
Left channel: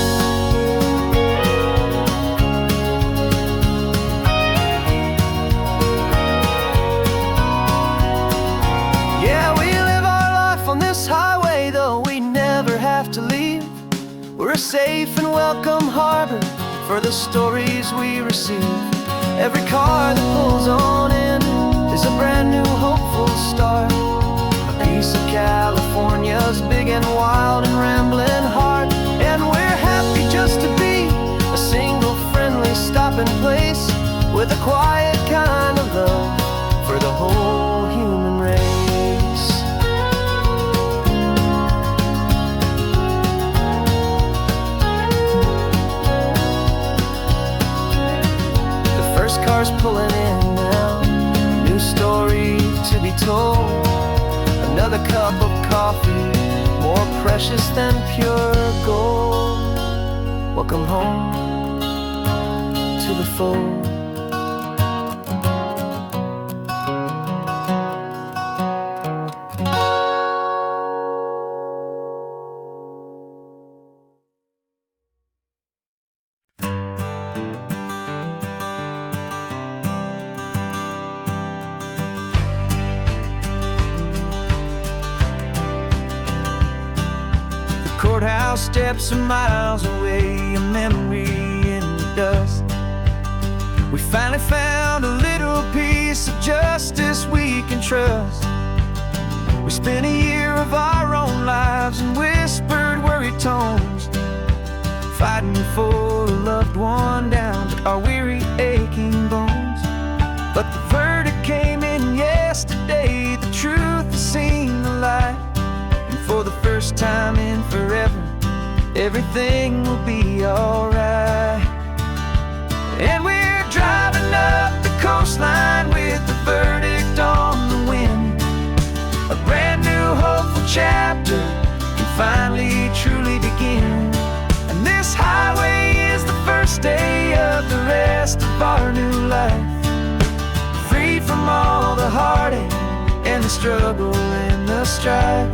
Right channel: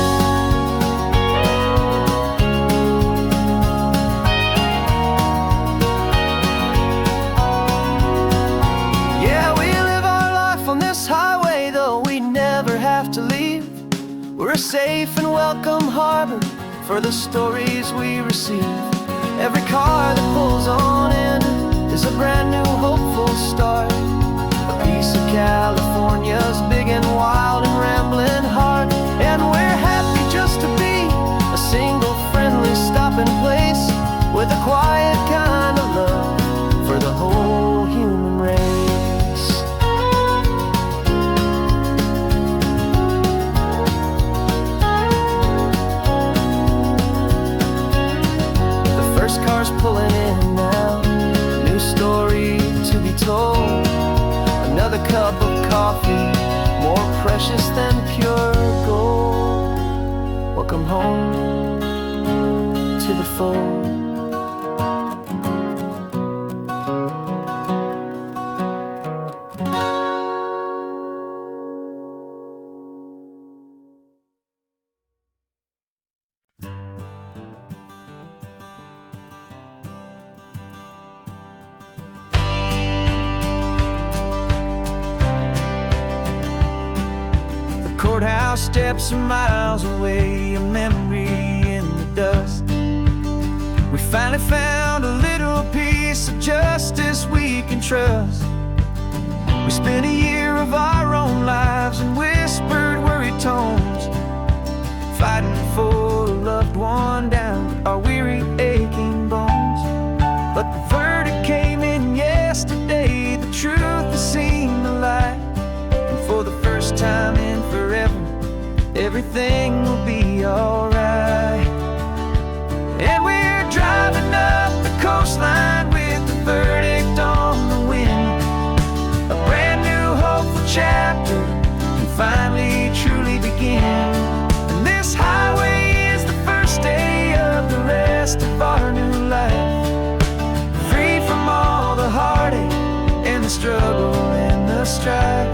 Yeah, we live our life on this highway, though we never have to leave. We're a safe and welcome harbor for the stories we receive. Every car that pulls on in is a brand new hopeful start. A piece of California's big and wild and rambling heart. And we're happy just to be a single friendly stopping place with a quiet kind of love for the whole human race. First car's pulling in now, a new story to be told. Another cup of coffee, more precious than pure gold. Welcome home to the fold. Courthouse steps are miles away, a memory in the dust. We finally found a little piece of justice we can trust. We spent a year of our own lives in whispered, worried tones, fighting for a loved one down to our weary, aching bones. But the verdict came in yesterday, the truth has seen the light. And for the first time in forever, everything will be alright. And we're driving up the coastline with the verdict on the wind. A brand new hopeful chapter can finally truly begin. And this highway is the first day of the rest of our new life, freed from all the heartache and the struggle and the strife.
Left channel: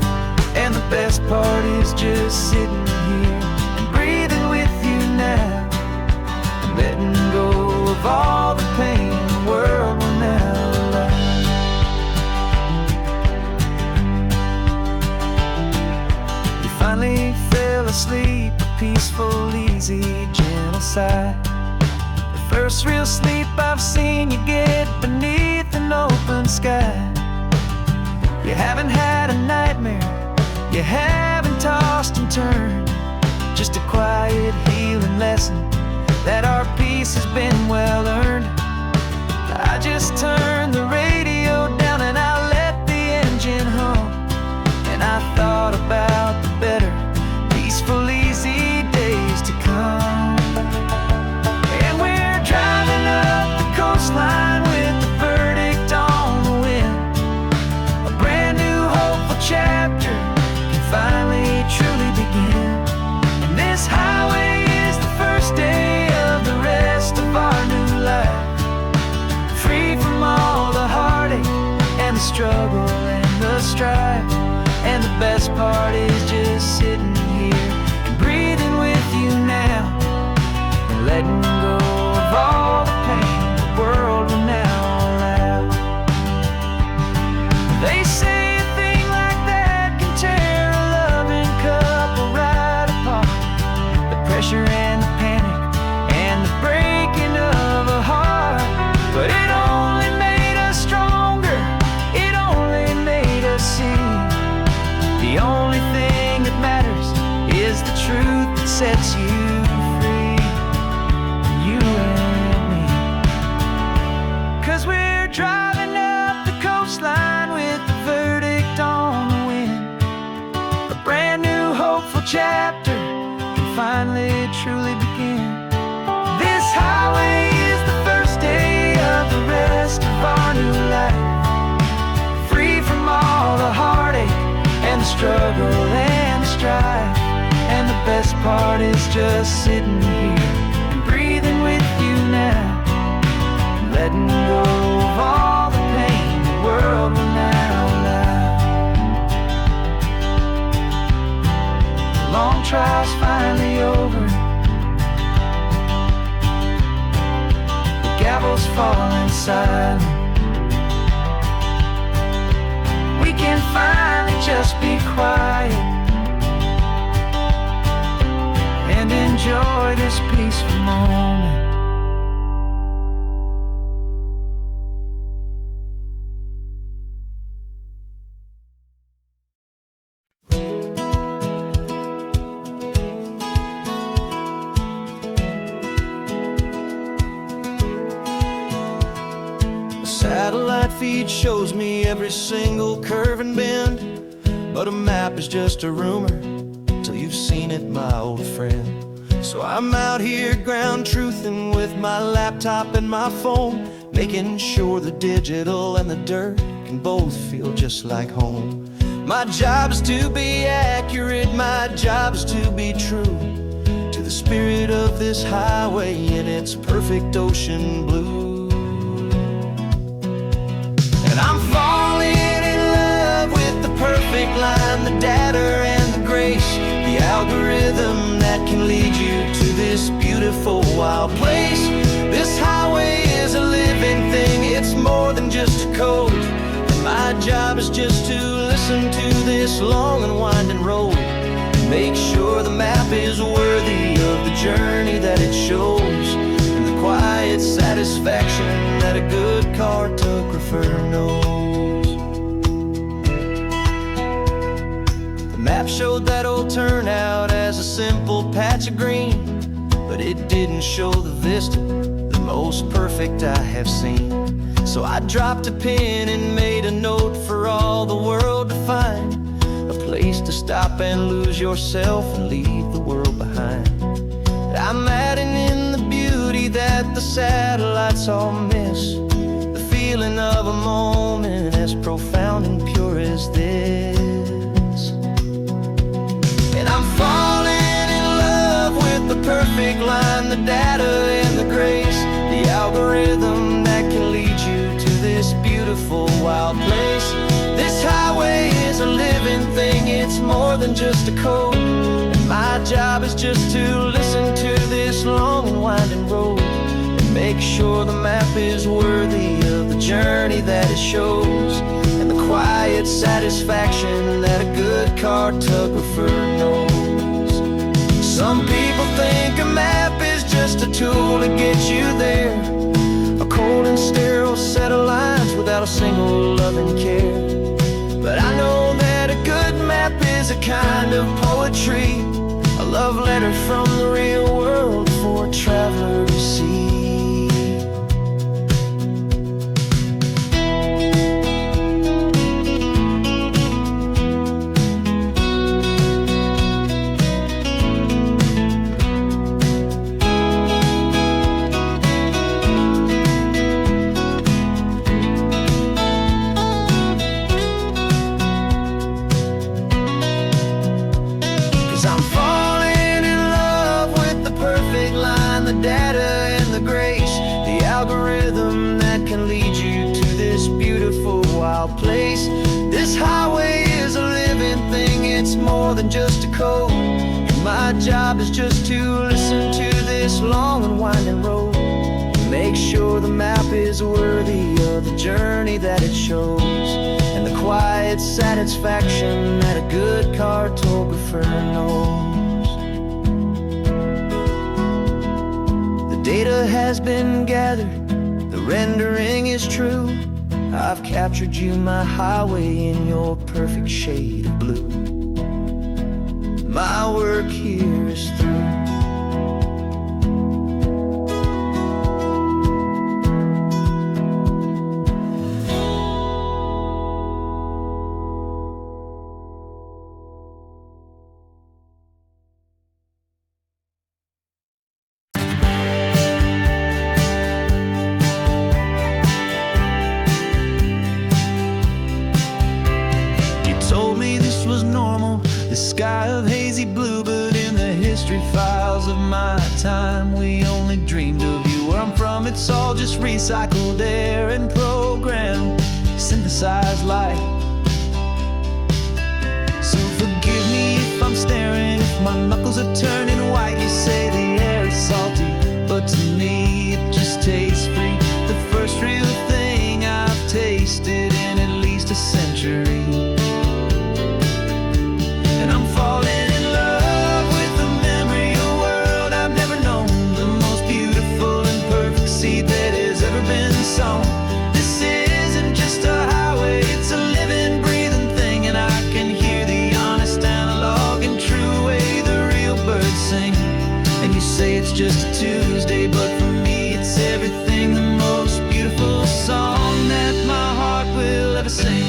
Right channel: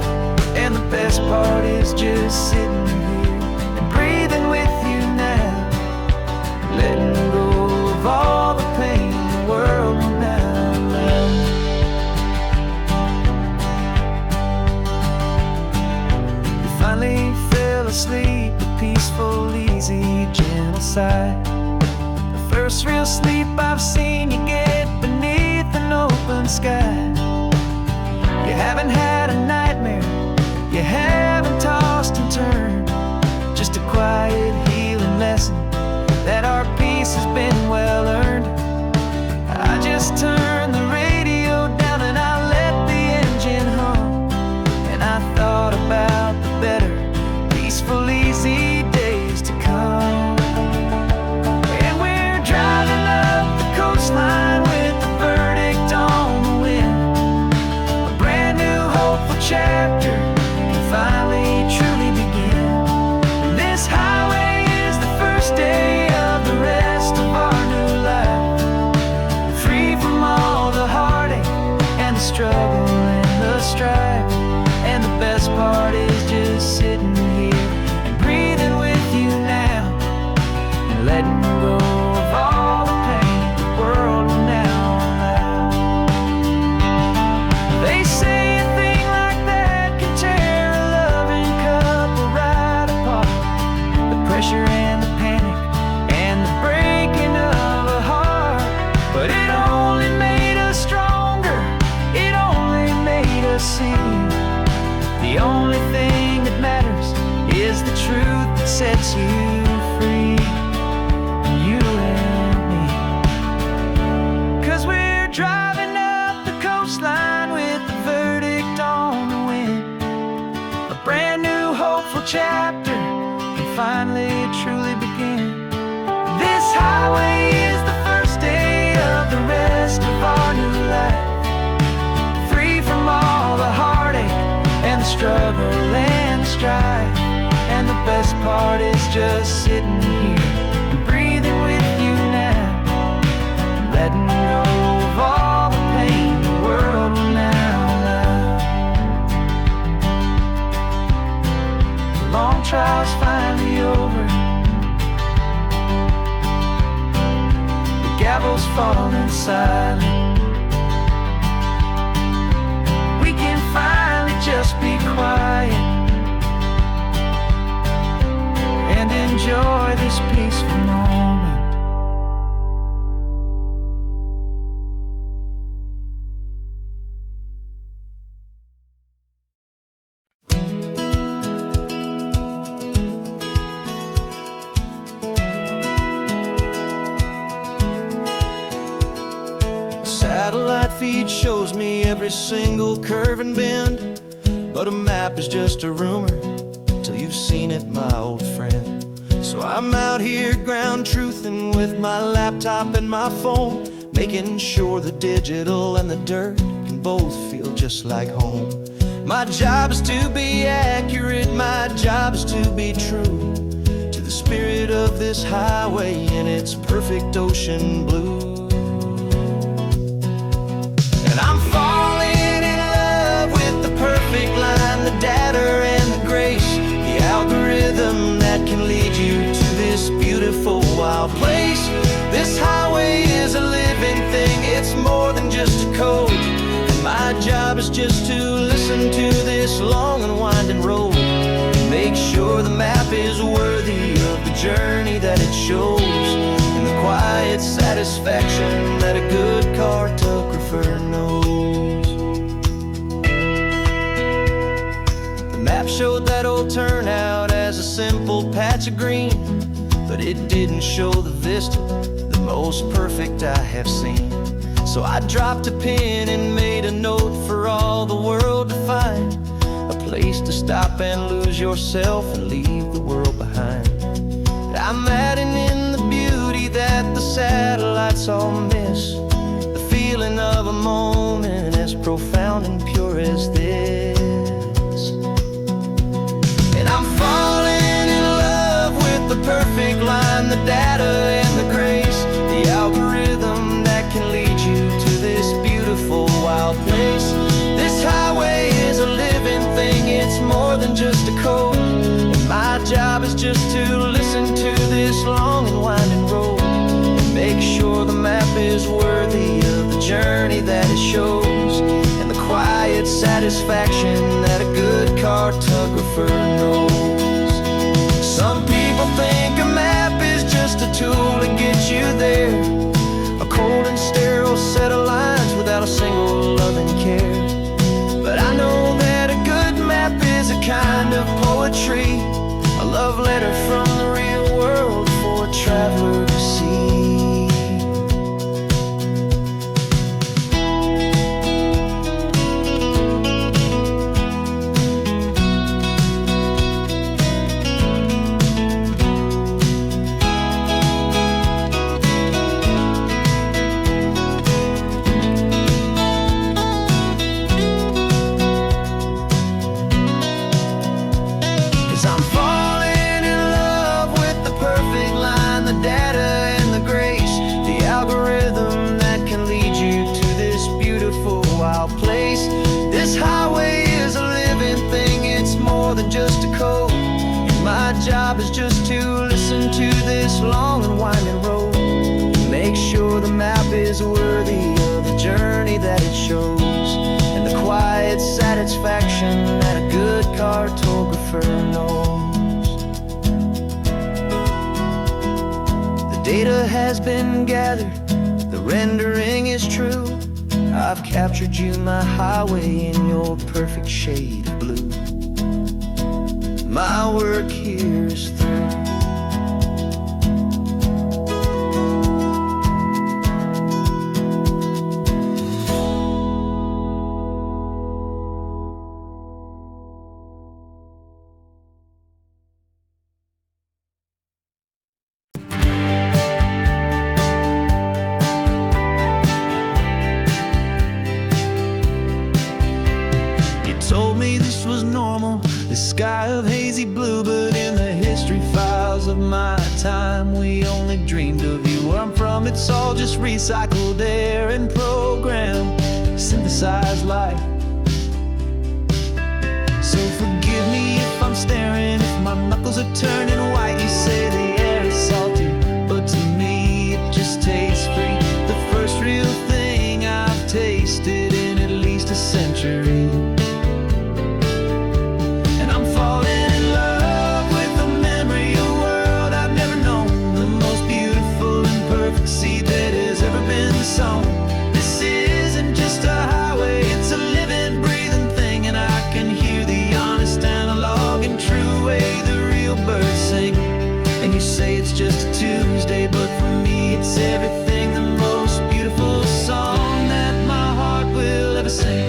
And the best part is just sitting here and breathing with you now, letting go of all the pain the world will now allow. You finally fell asleep, a peaceful, easy, gentle sigh. The first real sleep I've seen you get beneath an open sky. You haven't had a nightmare, you haven't tossed and turned, just a quiet healing lesson that our peace has been well earned. I just turned the radio down and I let the engine hum, and I thought about the better, peaceful, easy days to come. And we're driving up the coastline with the verdict on the wind. A brand new hopeful chapter finally truly begin. And this highway is the first day of the rest of our new life, free from all the heartache and the struggle and the strife. And the best part is just sitting here and breathing with you now, and letting go of all the pain the world will now allow. They say pressure and the panic and the breaking of a heart, but it only made us stronger, it only made us see the only thing that matters is the truth that sets you free, you and me. chapter can finally truly begin. This highway is the first day of the rest of our new life, free from all the heartache and the struggle and the strife. And the best part is just sitting here and breathing with you now, and letting go of all the pain the world will now allow. The long trial's finally over, the gavel's falling silent. We can finally just be quiet and enjoy this peaceful moment. A satellite feed shows me every single curve and bend, but a map is just a rumor till you've seen it, my old friend. So I'm out here ground truthing with my laptop and my phone, making sure the digital and the dirt can both feel just like home. My job is to be accurate, my job is to be true to the spirit of this highway in its perfect ocean blue. And I'm falling in love with the perfect line, the data and the grace, the algorithm that can lead you to this beautiful wild place. This highway is a living thing, it's more than just a code. And my job is just to listen to this long and winding road, and make sure the map is worthy of the journey that it shows, and the quiet satisfaction that a good cartographer knows. The map showed that old turnout as a simple patch of green, but it didn't show the vista, the most perfect I have seen. So I dropped a pin and made a note for all the world to find, a place to stop and lose yourself and leave the world behind. I'm adding in the beauty that the satellites all miss, the feeling of a moment as profound and pure as this. And I'm falling in love with the perfect line, the data and the grace, the algorithm that can lead you to this beautiful wild place. This highway is a living thing, it's more than just a code. And my job is just to listen to this long and winding road, and make sure the map is worthy of the journey that it shows, and the quiet satisfaction that a good cartographer knows. Some people think a map is just a tool to get you there, a cold and sterile set of lines without a single loving care. But I know that a good map is a kind of poetry, a love letter from the real world for a traveler to see. I'm falling in love with the perfect line, the data and the grace, the algorithm that can lead you to this beautiful wild place. This highway is a living thing, it's more than just a code. And my job is just to listen to this long and winding road, and make sure the map is worthy of the journey that it shows, and the quiet satisfaction that a good cartographer knows. The data has been gathered, the rendering is true. I've captured you, my highway, in your perfect shade of blue. My work here is through. me this was normal, this sky of hazy blue. But in the history files of my time, we only dreamed of you. Where I'm from, it's all just recycled air and programmed, synthesized light. So forgive me if I'm staring, if my knuckles are turning white. You say the air is salty, but to me it just tastes free. The first real thing I've tasted in at least a century. And I'm falling in love with the memory of a world I've never known, the most beautiful and perfect seed that has ever been sown. This isn't just a highway, it's a living, breathing thing. And I can hear the honest analog and true way the real birds sing. And you say it's just a Tuesday, but for me it's everything, the most beautiful song that my heart will ever sing.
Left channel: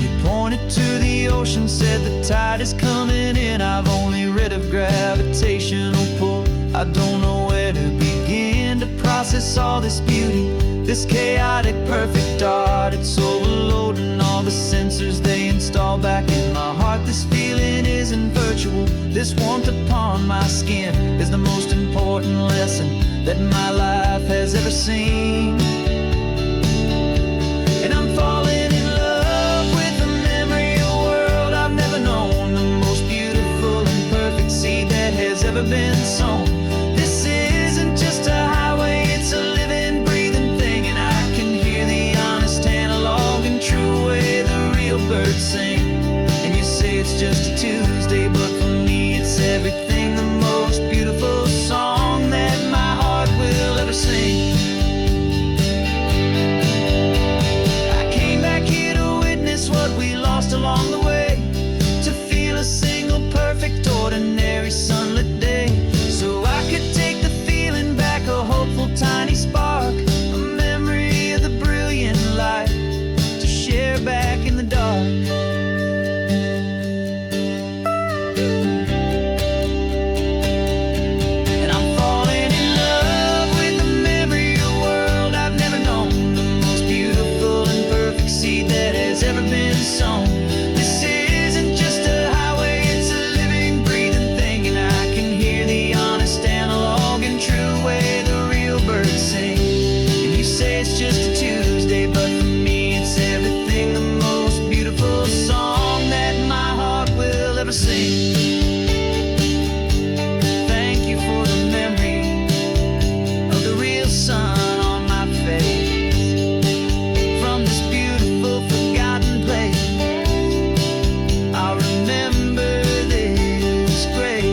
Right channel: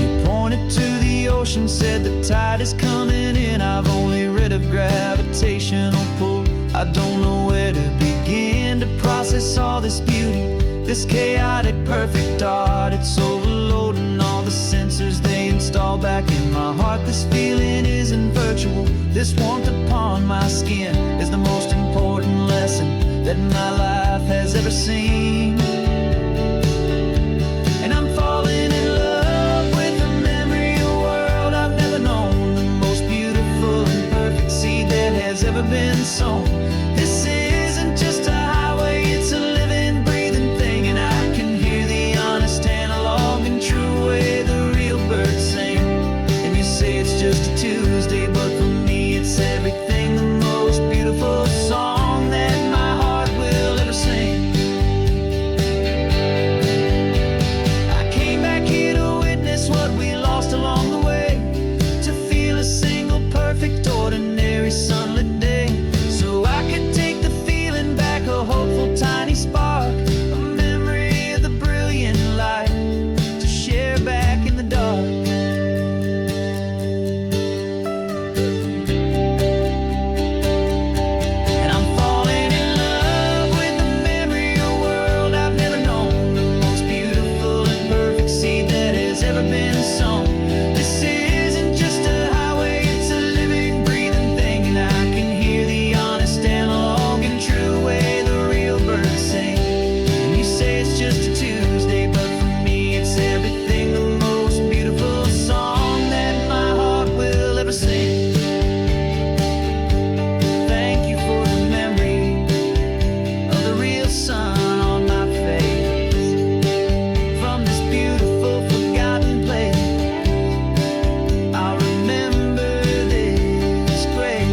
You pointed to the ocean, said the tide is coming in. I've only read of gravitational pull. I don't know where to begin to process all this beauty, this chaotic perfect art. It's overloading all the sensors they install back in my heart. This feeling isn't virtual, this warmth upon my skin is the most important lesson that my life has ever seen. And I'm falling in love with a memory of a world I've never known, the most beautiful and perfect seed that has ever been sown. This isn't just a highway, it's a living, breathing thing. And I can hear the honest analog and true way the real birds sing. And you say it's just a Tuesday, but for me it's everything, the most beautiful song that my heart will ever sing. I came back here to witness what we lost along the way, to feel a single perfect ordinary sunlit day, so I could take the feeling back, a hopeful tiny spark, a memory of the brilliant light to share back in the dark. And I'm falling in love with the memory of a world I've never known, the most beautiful and perfect seed that has ever been sown. This isn't just a highway, it's a living, breathing thing. And I can hear the honest analog and true way the real birds sing. And you say it's just a Tuesday, but for me it's everything, the most beautiful song that my heart will ever sing. Thank you for the memory of the real sun on my face, from this beautiful forgotten place. I'll remember this grace.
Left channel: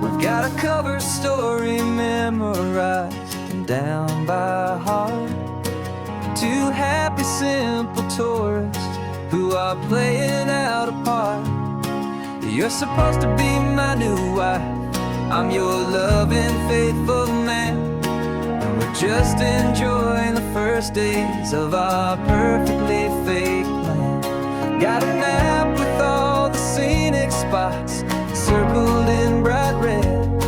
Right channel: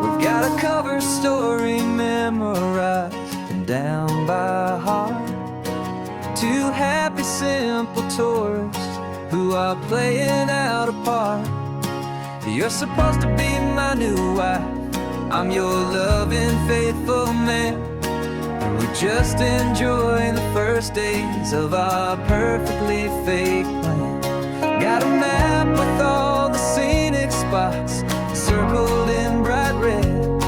We've got a cover story memorized and down by heart. Two happy, simple tourists who are playing out a part. You're supposed to be my new wife, I'm your loving, faithful man, and we're just enjoying the first days of our perfectly fake plan. Got a map with all the scenic spots circled in bright red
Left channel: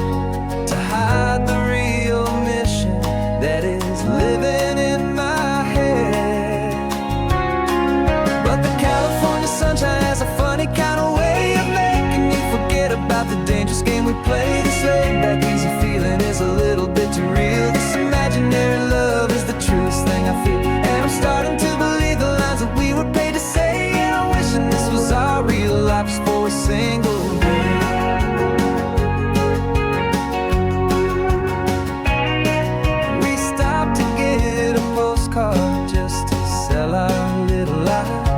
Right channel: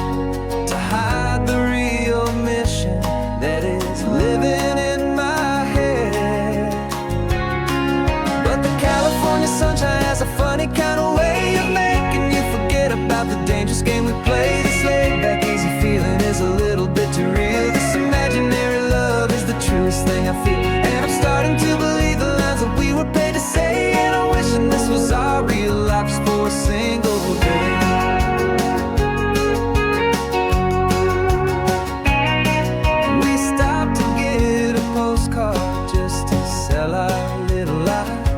to hide the real mission that is living in my head. But the California sunshine has a funny kind of way of making you forget about the dangerous game we play. This laid-back, easy feeling is a little bit too real. This imaginary love is the truest thing I feel, and I'm starting to believe the lines that we were paid to say. And I'm wishing this was our real life just for a single day. We stopped to get a postcard just to sell our little lie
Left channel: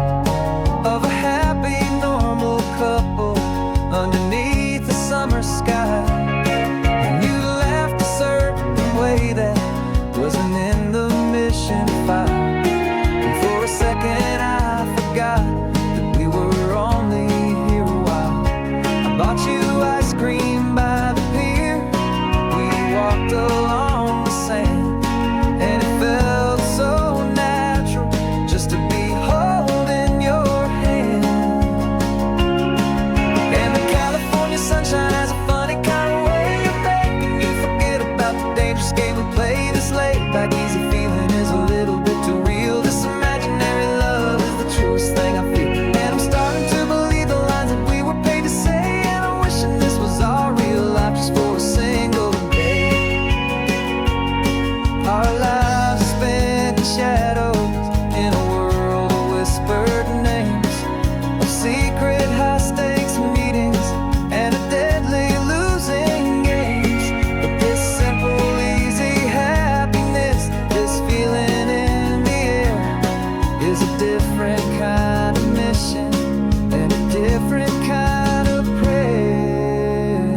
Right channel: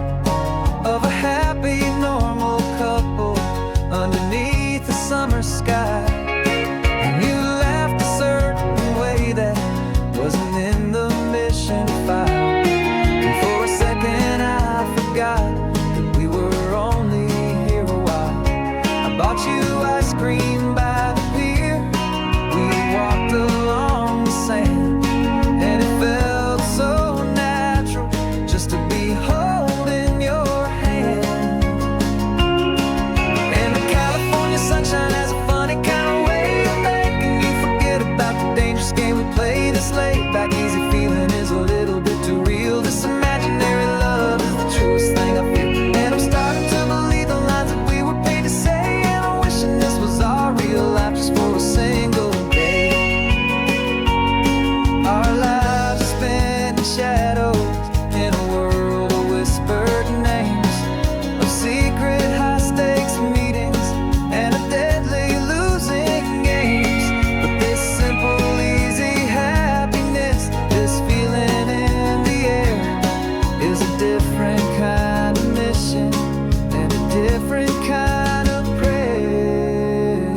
of a happy, normal couple underneath the summer sky. And you laughed a certain way that wasn't in the mission file, and for a second I forgot that we were only here a while. I bought you ice cream by the pier, we walked along the sand, and it felt so natural just to be holding your hand. sunshine has a funny kind of way of making you forget about the dangerous game we play. This laid back easy feeling is a little bit too real. This imaginary love is the truest thing I feel, and I'm starting to believe the lines that we were paid to say. And I'm wishing this was our real life just for a single day. Our lives are spent in shadows, in a world of whispered names, of secret high-stakes meetings and of deadly losing games. But this simple, easy happiness, this feeling in the air, is a different kind of mission and a different kind of prayer.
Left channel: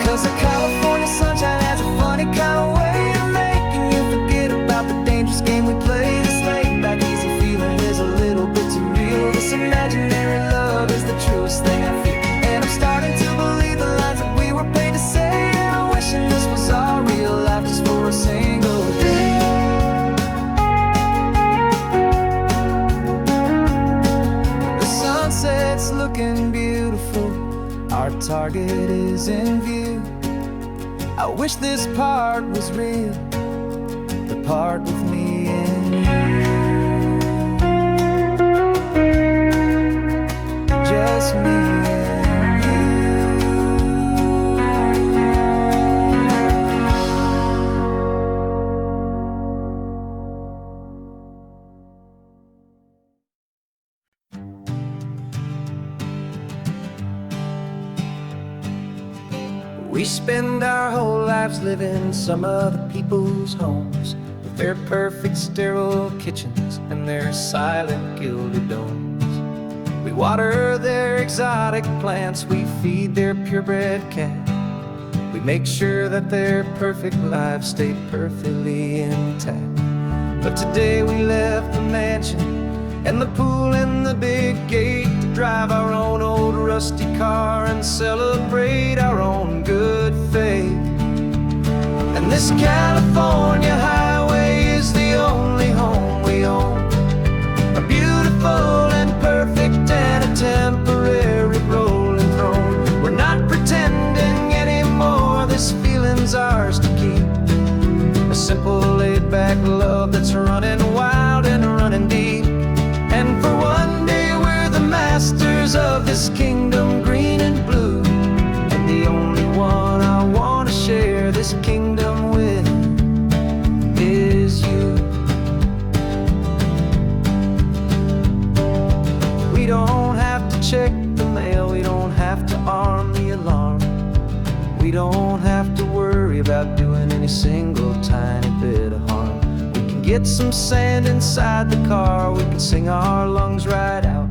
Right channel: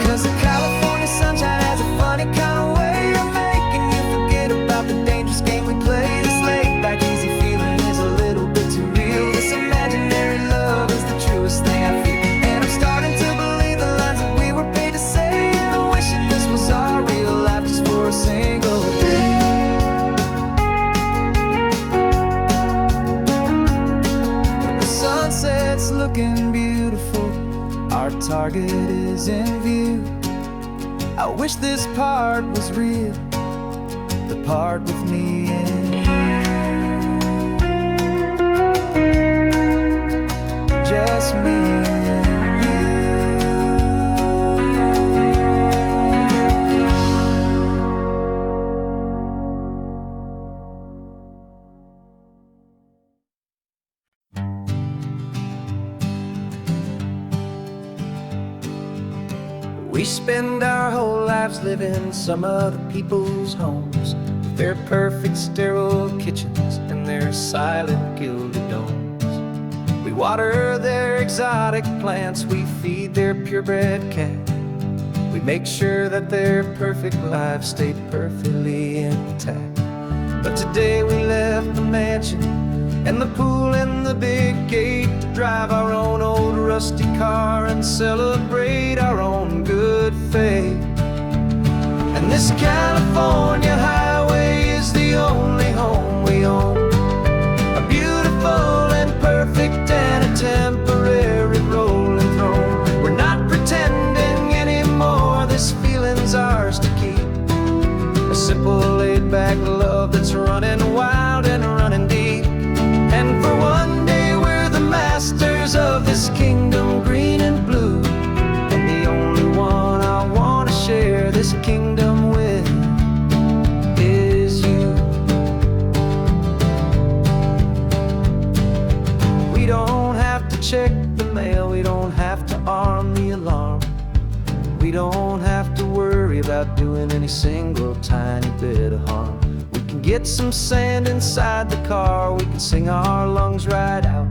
'Cause the California sunshine has a funny kind of way of making you forget about the dangerous game we play. This laid back easy feeling is a little bit too real. This imaginary love is the truest thing I feel, and I'm starting to believe the lines that we were paid to say. And I'm wishing this was our real life just for a single day. When the sunset's looking beautiful, our target is in view. I wish this part was real, the part with me and you. Just me and you. We spend our whole lives living some other people's homes, with their perfect sterile kitchens and their silent gilded domes. We water their exotic plants, we feed their purebred cat. We make sure that their perfect lives stay perfectly intact. But today we left the mansion and the pool and the big gate to drive our own old rusty car and celebrate our own good faith. And this California highway is the only home we own, a beautiful and perfect and a temporary rolling throne. We're not pretending anymore, this feeling's ours to keep, a simple laid-back love that's running wild and running deep. And for one day we're the masters of this kingdom green and blue, and the only one I want to share this kingdom with is you. We don't have to check the mail, we don't have to arm the alarm, we don't have to worry about doing any single tiny bit of harm. Get some sand inside the car, we can sing our lungs right out,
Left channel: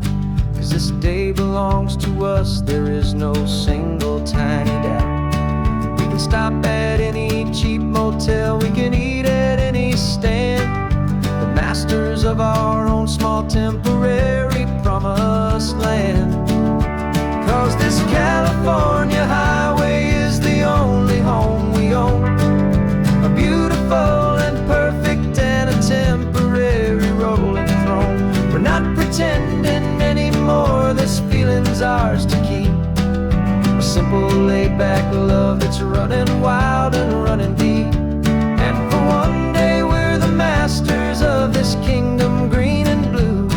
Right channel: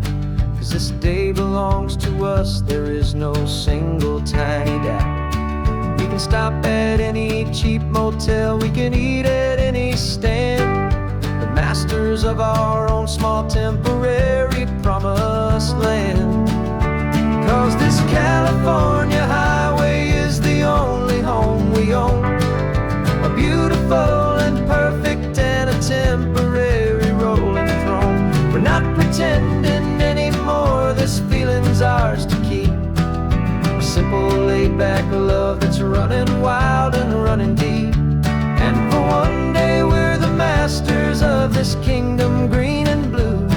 'cause this day belongs to us, there is no single tiny doubt. We can stop at any cheap motel, we can eat at any stand, the masters of our own small temporary promised land. 'Cause this California highway is the only home we own, a beautiful and perfect and a temporary rolling throne. We're not pretending anymore, this feeling's ours to keep, a simple laid-back love that's running wild and running deep. And for one day we're the masters of this kingdom green and blue,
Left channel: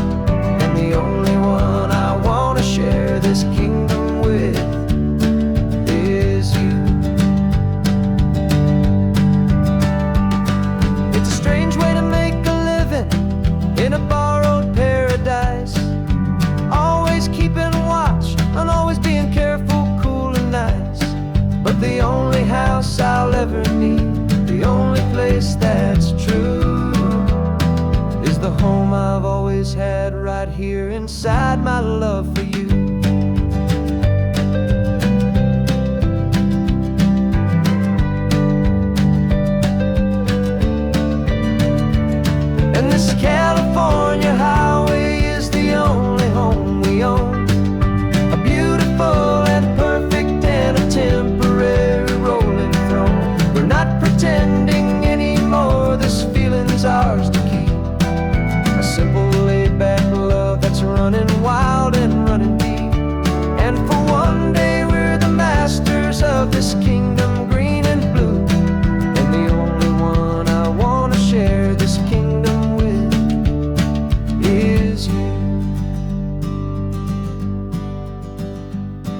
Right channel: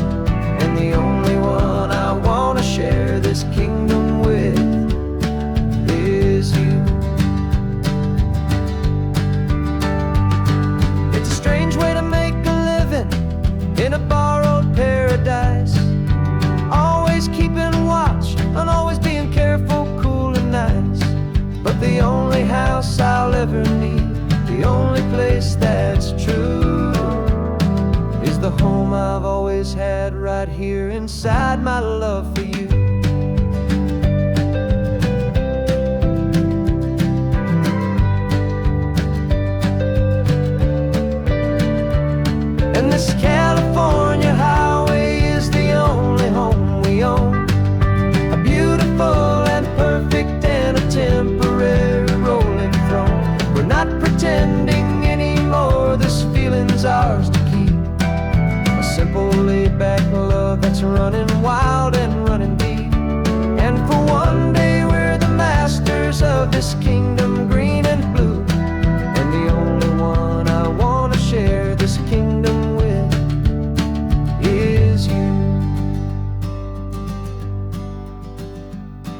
and the only one I want to share this kingdom with is you. It's a strange way to make a living in a borrowed paradise, always keeping watch and always being careful, cool and nice. But the only house I'll ever need, the only place that's true, is the home I've always had right here inside my love for you. And this California highway is the only home we own, a beautiful and perfect and a temporary rolling throne. We're not pretending anymore, this feeling's ours to keep, a simple laid-back love that's running wild and running deep. And for one day we're the masters of this kingdom, green and blue. And the only one I want to share this kingdom with is you.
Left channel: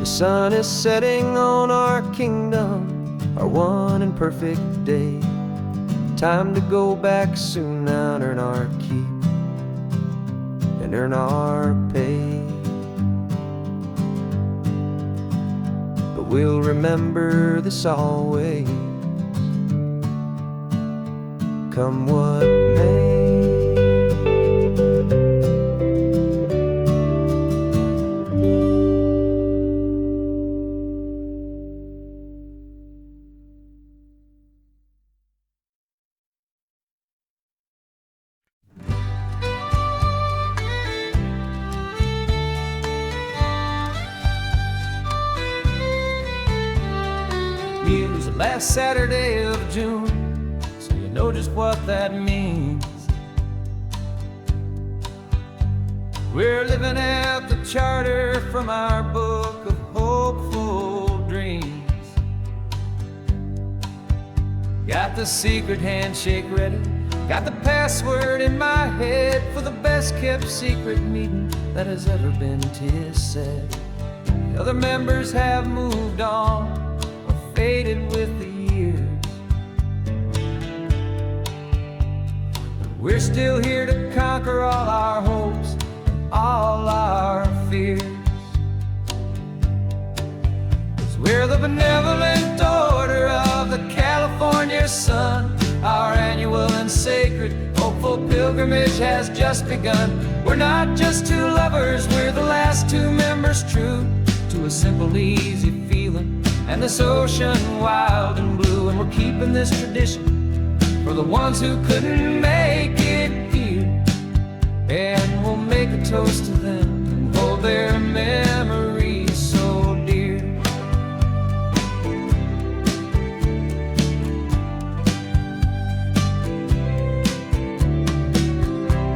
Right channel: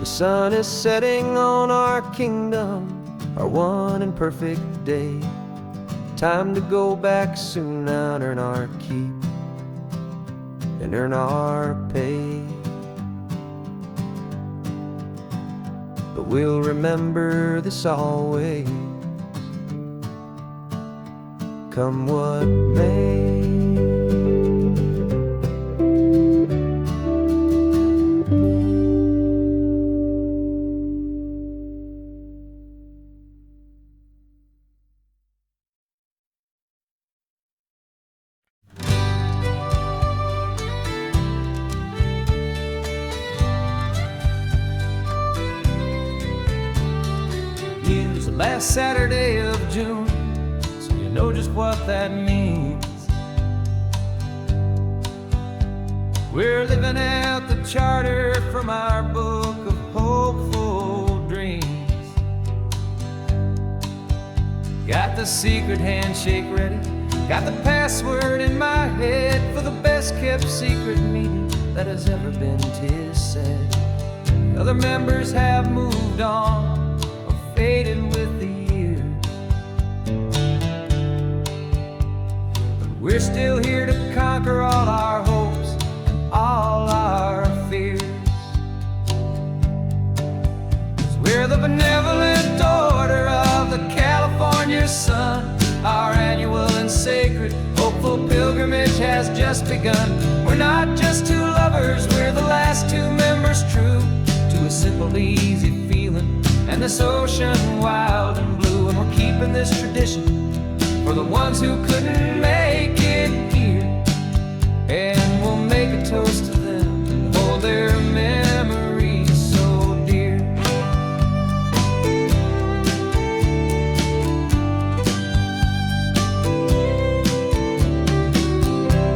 The sun is setting on our kingdom, our one and perfect day. Time to go back soon now and earn our keep and earn our pay. But we'll remember this always, come what may. Use the last Saturday of June, so you know just what that means. We're living out the charter from our book of hopeful dreams. Got the secret handshake ready, got the password in my head for the best kept secret meeting that has ever been, 'tis said. The other members have moved on, faded with the years, but we're still here to conquer all our hopes and all our fears. 'Cause we're the benevolent order of the California sun. Our annual and sacred hopeful pilgrimage has just begun. We're not just two lovers, we're the last two members true to a simple, easy feeling and this ocean wild and blue. And we're keeping this tradition for the ones who couldn't make it here. And we'll make a toast to them and hold their memories so dear.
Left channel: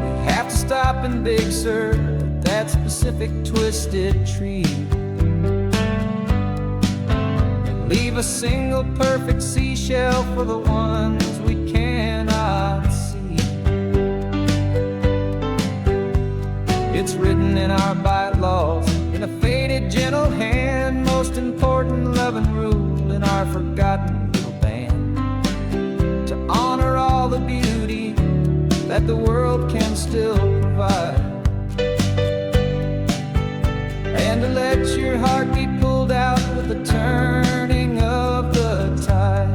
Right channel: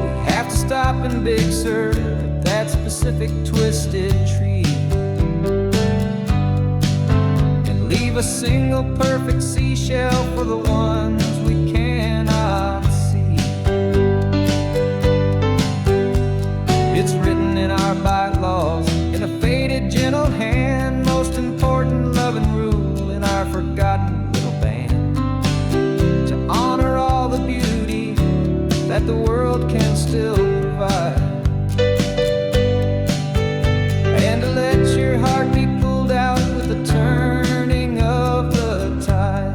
We have to stop in Big Sur at that specific twisted tree, leave a single perfect seashell for the ones we cannot see. It's written in our bylaws, in a faded gentle hand, most important loving rule in our forgotten little band, to honor all the beauty that the world can still provide, and to let your heart be pulled out with the turning of the tide.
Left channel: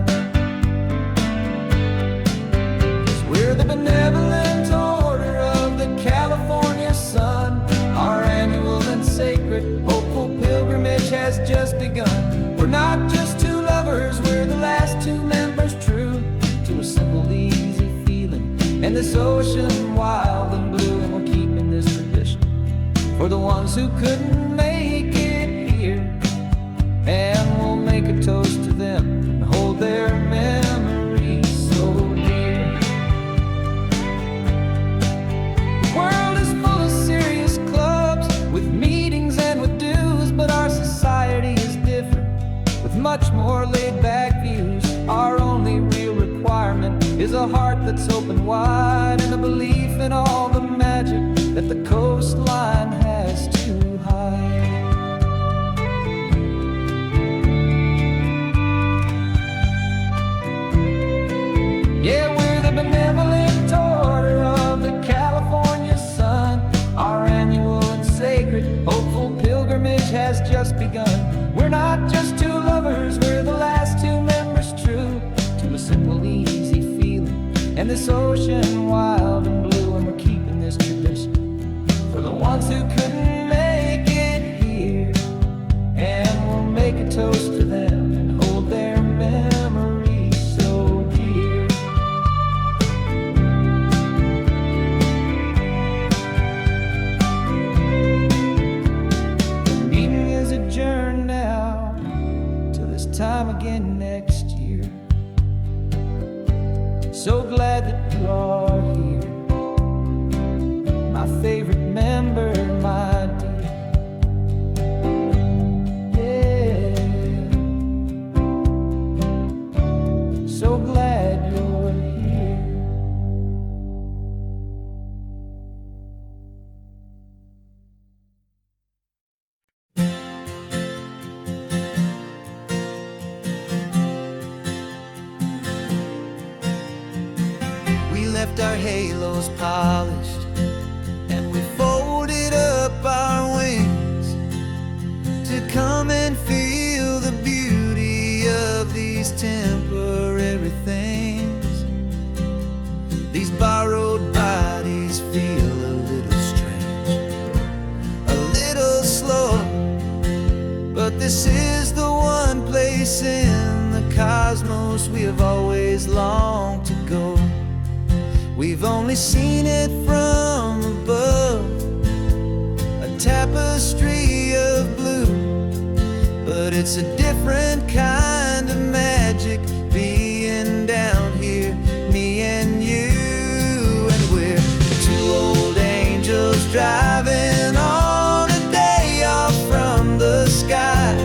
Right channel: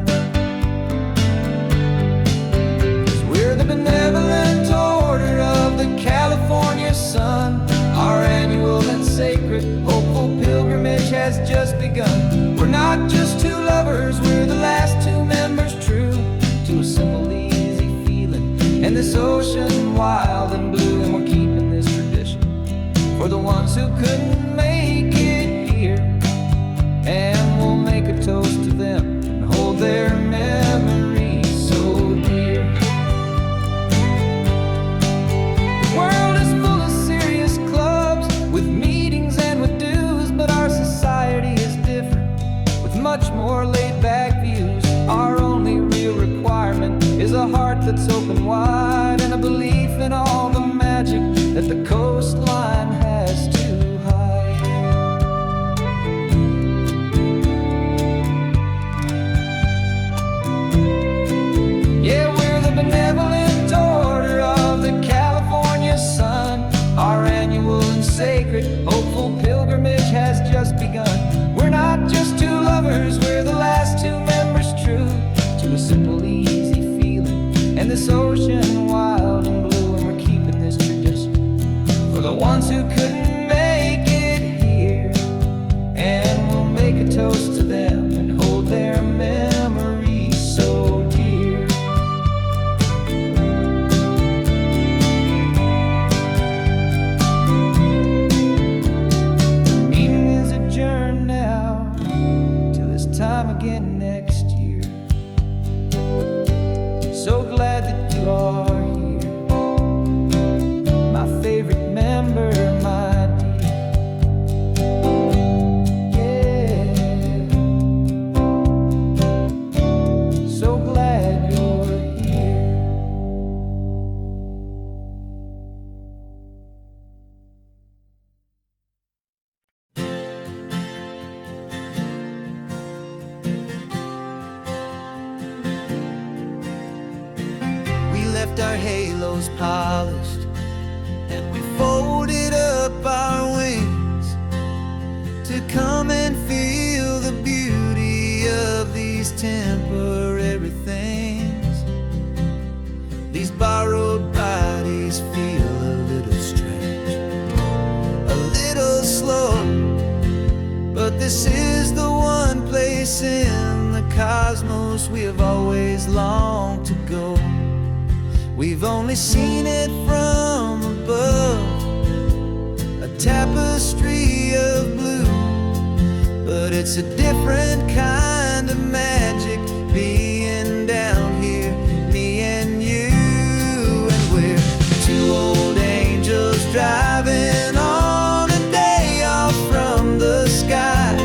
'Cause we're the benevolent order of the California sun. Our annual and sacred hopeful pilgrimage has just begun. We're not just two lovers, we're the last two members true to a simple, easy feeling and this ocean wild and blue. And we're keeping this tradition for the ones who couldn't make it here. And we'll make a toast to them and hold their memories so dear. The world is full of serious clubs with meetings and with dues, but our society is different with much more laid-back views. Our only real requirement is a heart that's open wide and a belief in all the magic that the coastline has to hide. Yeah, we're the benevolent order of the California sun. Our annual and sacred hopeful pilgrimage has just begun. We're not just two lovers, we're the last two members true to a simple, easy feeling and this ocean wild and blue. And we're keeping this tradition for the ones who couldn't make it here. And we'll make a toast to them and hold their memories so dear. The meeting is adjourned now till this time again next year. So glad that you are here. my favorite member, my dear. Yeah, so glad you're here. We left our halos polished, and we folded up our wings to come and feel the beauty of these temporary things. These borrowed bodies feel a little strange, a little slow, but this is the one place in the cosmos we have always longed to go. We've only seen it from above, a tapestry of blue, but it's a different kind of magic being down here, me and you. And we're two old angels driving on a day off from the sky,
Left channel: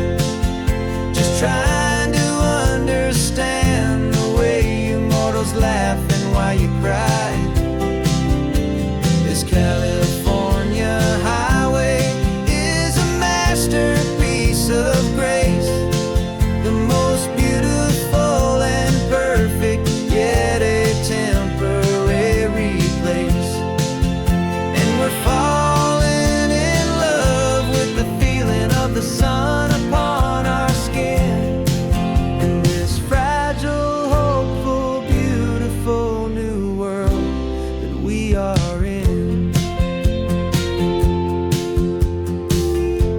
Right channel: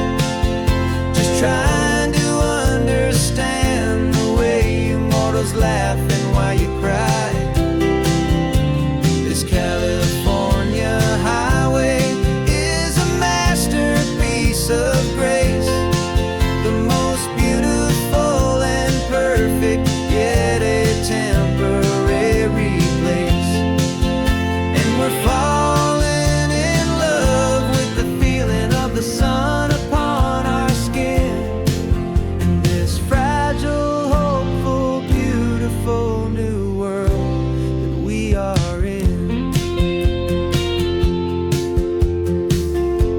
just trying to understand the way you mortals laugh and why you cry. This California highway is a masterpiece of grace, the most beautiful and perfect, yet a temporary place. And we're falling in love with the feeling of the sun upon our skin, in this fragile, hopeful, beautiful new world that we are in.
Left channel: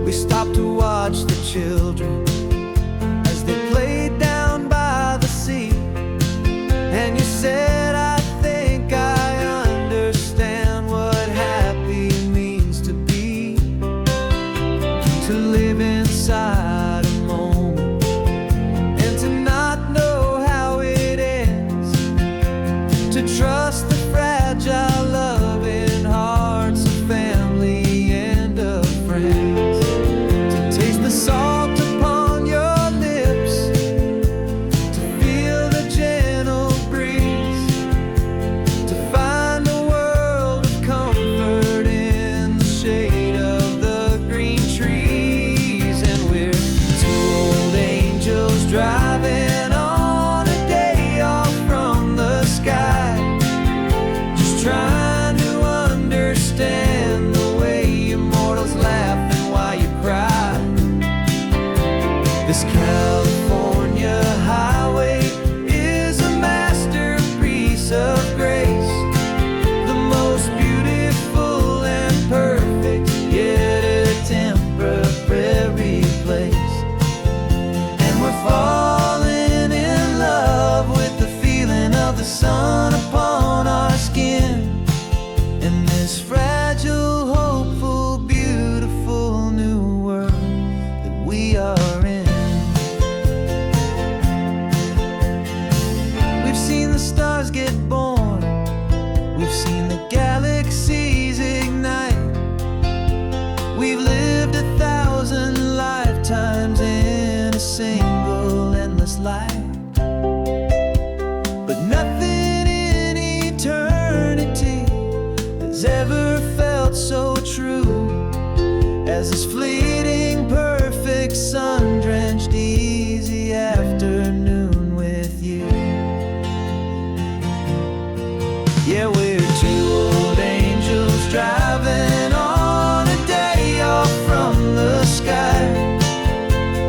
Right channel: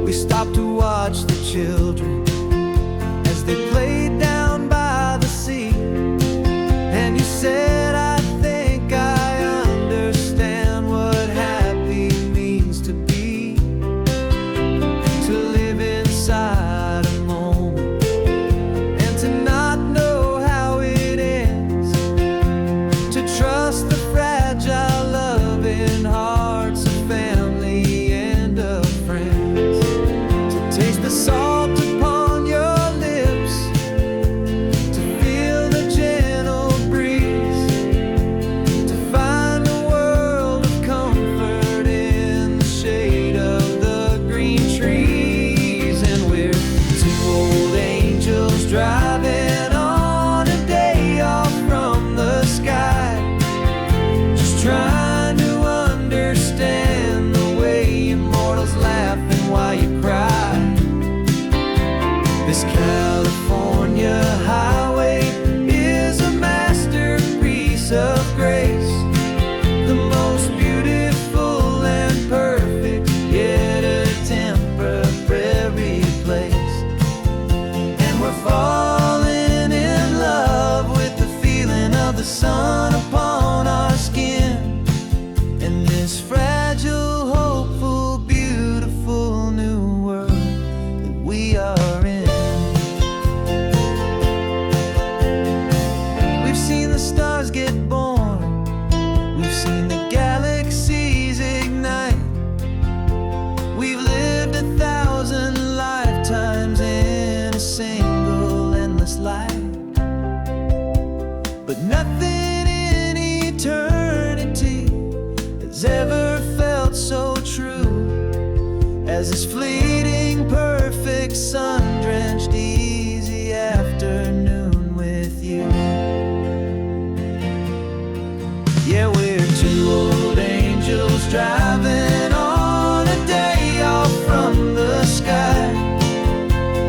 We stopped to watch the children as they played down by the sea, and you said, I think I understand what happy means to be, to live inside a moment and to not know how it ends, to trust the fragile loving hearts of family and of friends, to taste the salt upon your lips, to feel the gentle breeze, to find a world of comfort in the shade of the green trees. And we're two old angels driving on a day off from the sky, just trying to understand the way you mortals laugh and why you cry. This California highway is a masterpiece of grace, the most beautiful and perfect, yet a temporary place. And we're falling in love with the feeling of the sun upon our skin, in this fragile, hopeful, beautiful new world that we are in. We've seen the stars get born, we've seen the galaxies ignite, we've lived 1,000 lifetimes in a single endless life, but nothing in eternity has ever felt so true as this fleeting, perfect, sun-drenched, easy afternoon with you. Yeah, we're two old angels driving on a day off from the sky,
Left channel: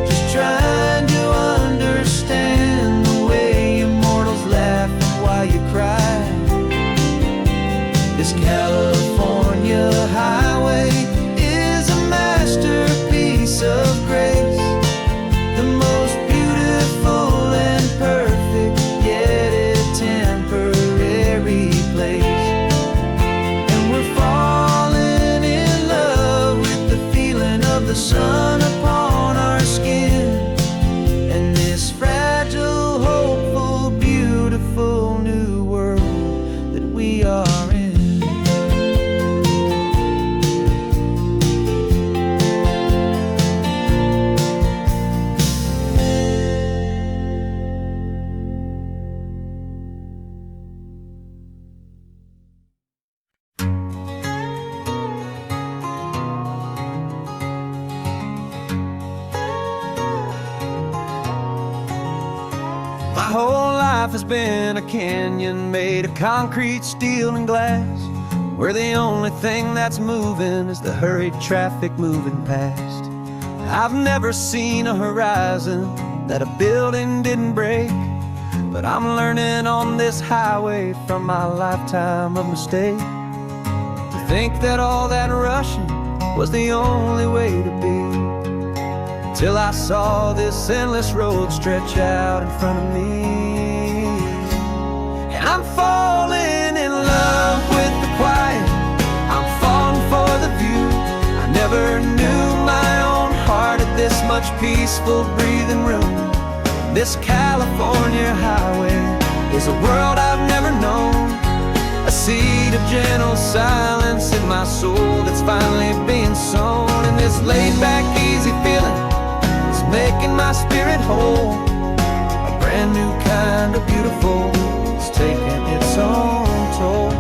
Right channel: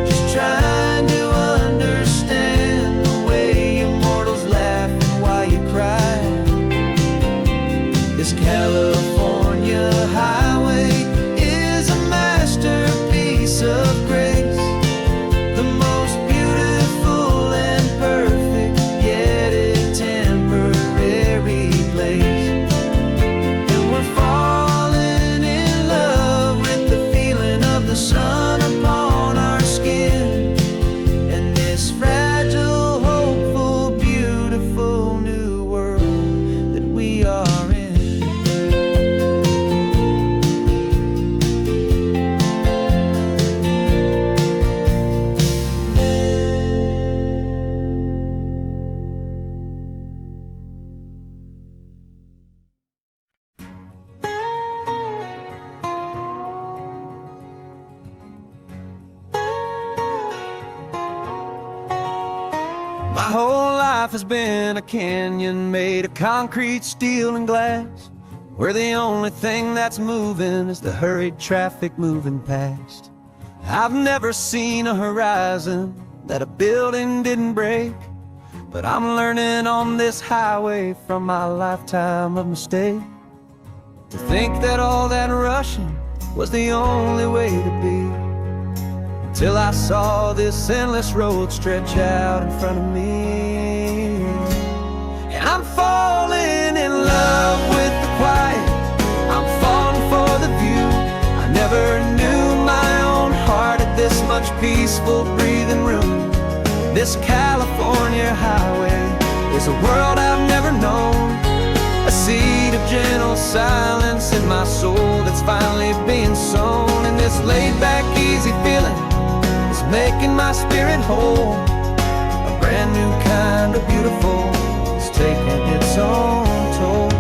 just trying to understand the way you mortals laugh and why you cry. This California highway is a masterpiece of grace, the most beautiful and perfect, yet a temporary place. And we're falling in love with the feeling of the sun upon our skin, and this fragile, hopeful, beautiful new world that we are in. My whole life has been a canyon made of concrete, steel, and glass, where the only thing that's moving is the hurried traffic moving past. I've never seen a horizon that a building didn't break, but I'm learning on this highway from my lifetime of mistakes to think that all that rushing was the only way to be, till I saw this endless road stretch out in front of me. And I'm falling in love with the quiet, I'm falling for the view. I never knew my own heart had this much peaceful breathing room. This California highway is a world I've never known, a seed of gentle silence in my soul that's finally being sown. And this laid-back, easy feeling is making my spirit whole. A brand new kind of beautiful is taking its own toll.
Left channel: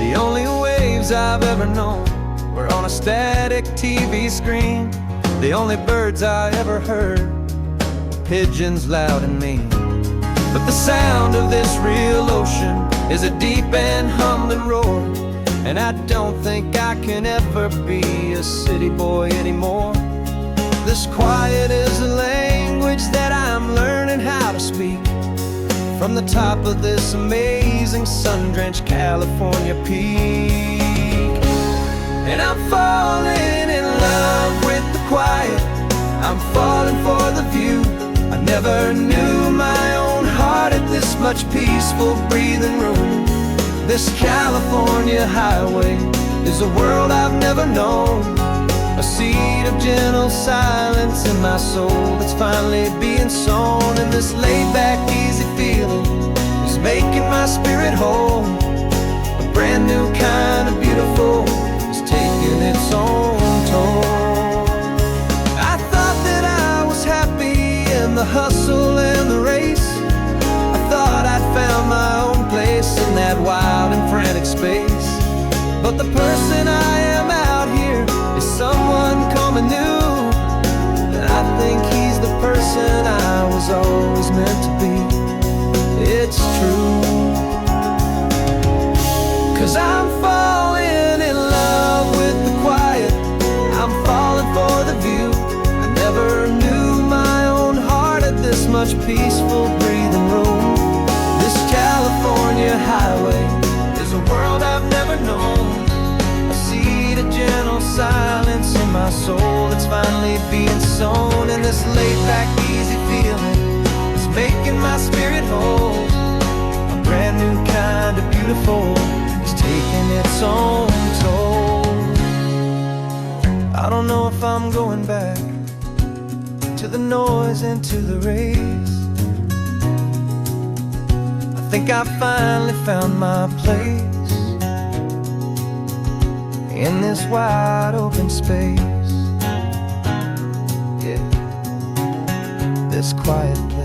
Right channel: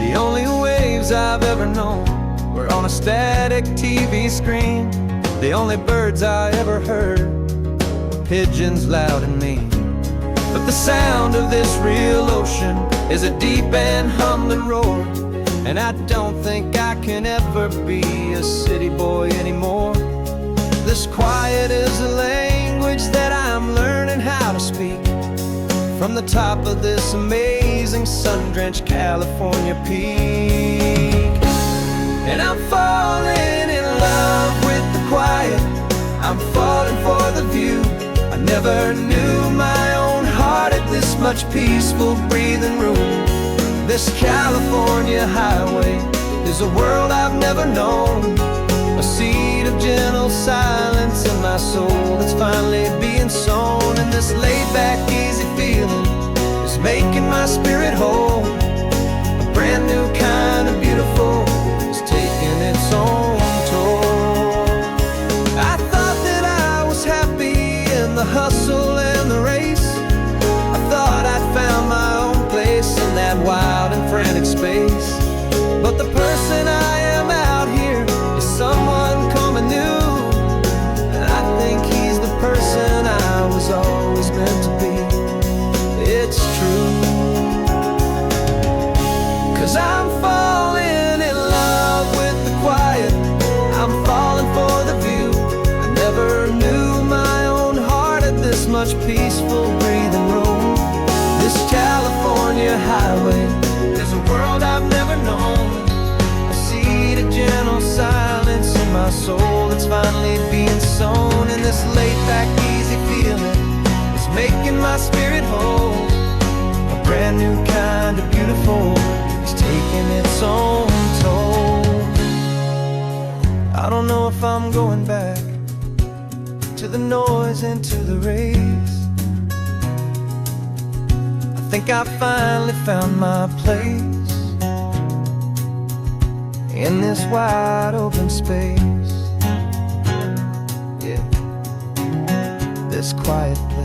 The only waves I've ever known were on a static TV screen. The only birds I ever heard were pigeons loud and mean. But the sound of this real ocean is a deep and humbling roar, and I don't think I can ever be a city boy anymore. This quiet is a language that I'm learning how to speak from the top of this amazing sun-drenched California peak. And I'm falling in love with the quiet, I'm falling for the view. I never knew my own heart had this much peaceful breathing room. This California highway is a world I've never known, a seed of gentle silence in my soul that's finally being sown. And this laid-back, easy feeling is making my spirit whole. A brand new kind of beautiful is taking its own toll. I thought that I was happy in the hustle and the race. I thought I'd found my own place in that wild and frantic space. But the person I am out here is someone coming new, and I think he's the person I was always meant to be. It's true, 'cause I'm falling in love with the quiet, I'm falling for the view. I never knew my own heart had this much peaceful breathing room. This California highway is a world I've never known, a seed of gentle silence in my soul that's finally being sown. And this laid-back, easy feeling is making my spirit whole. A brand new kind of beautiful is taking its own toll. I don't know if I'm going back to the noise and to the race. I think I finally found my place in this wide open space. Yeah, this quiet place.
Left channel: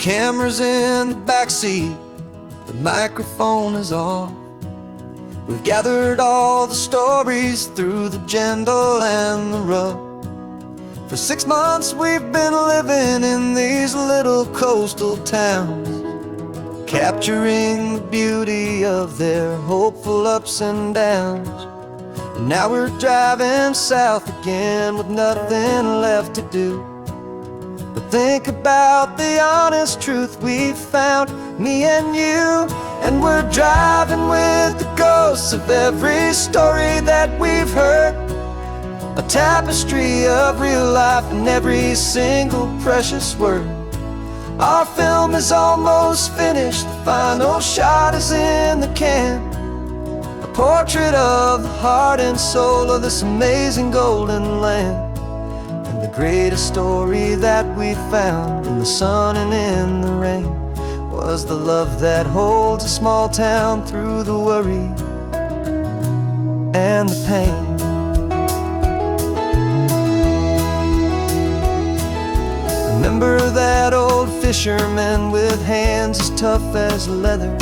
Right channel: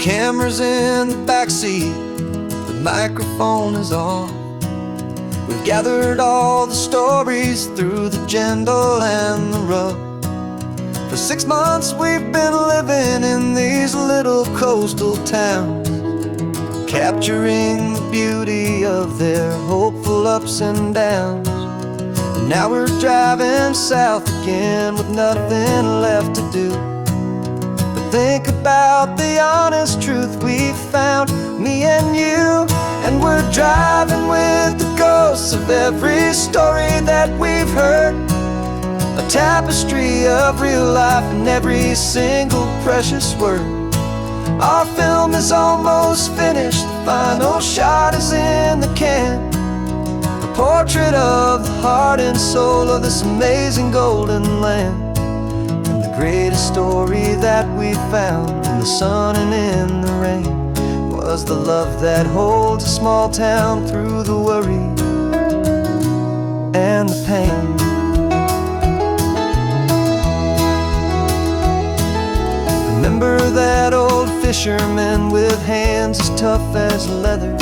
Camera's in the backseat, the microphone is on. We've gathered all the stories through the gentle and the rough. For 6 months we've been living in these little coastal towns, capturing the beauty of their hopeful ups and downs. And now we're driving south again with nothing left to do. Think about the honest truth we found, me and you. And we're driving with the ghosts of every story that we've heard, a tapestry of real life in every single precious word. Our film is almost finished, the final shot is in the can, a portrait of the heart and soul of this amazing golden land. Greatest story that we found in the sun and in the rain was the love that holds a small town through the worry and the pain. Remember that old fisherman with hands as tough as leather?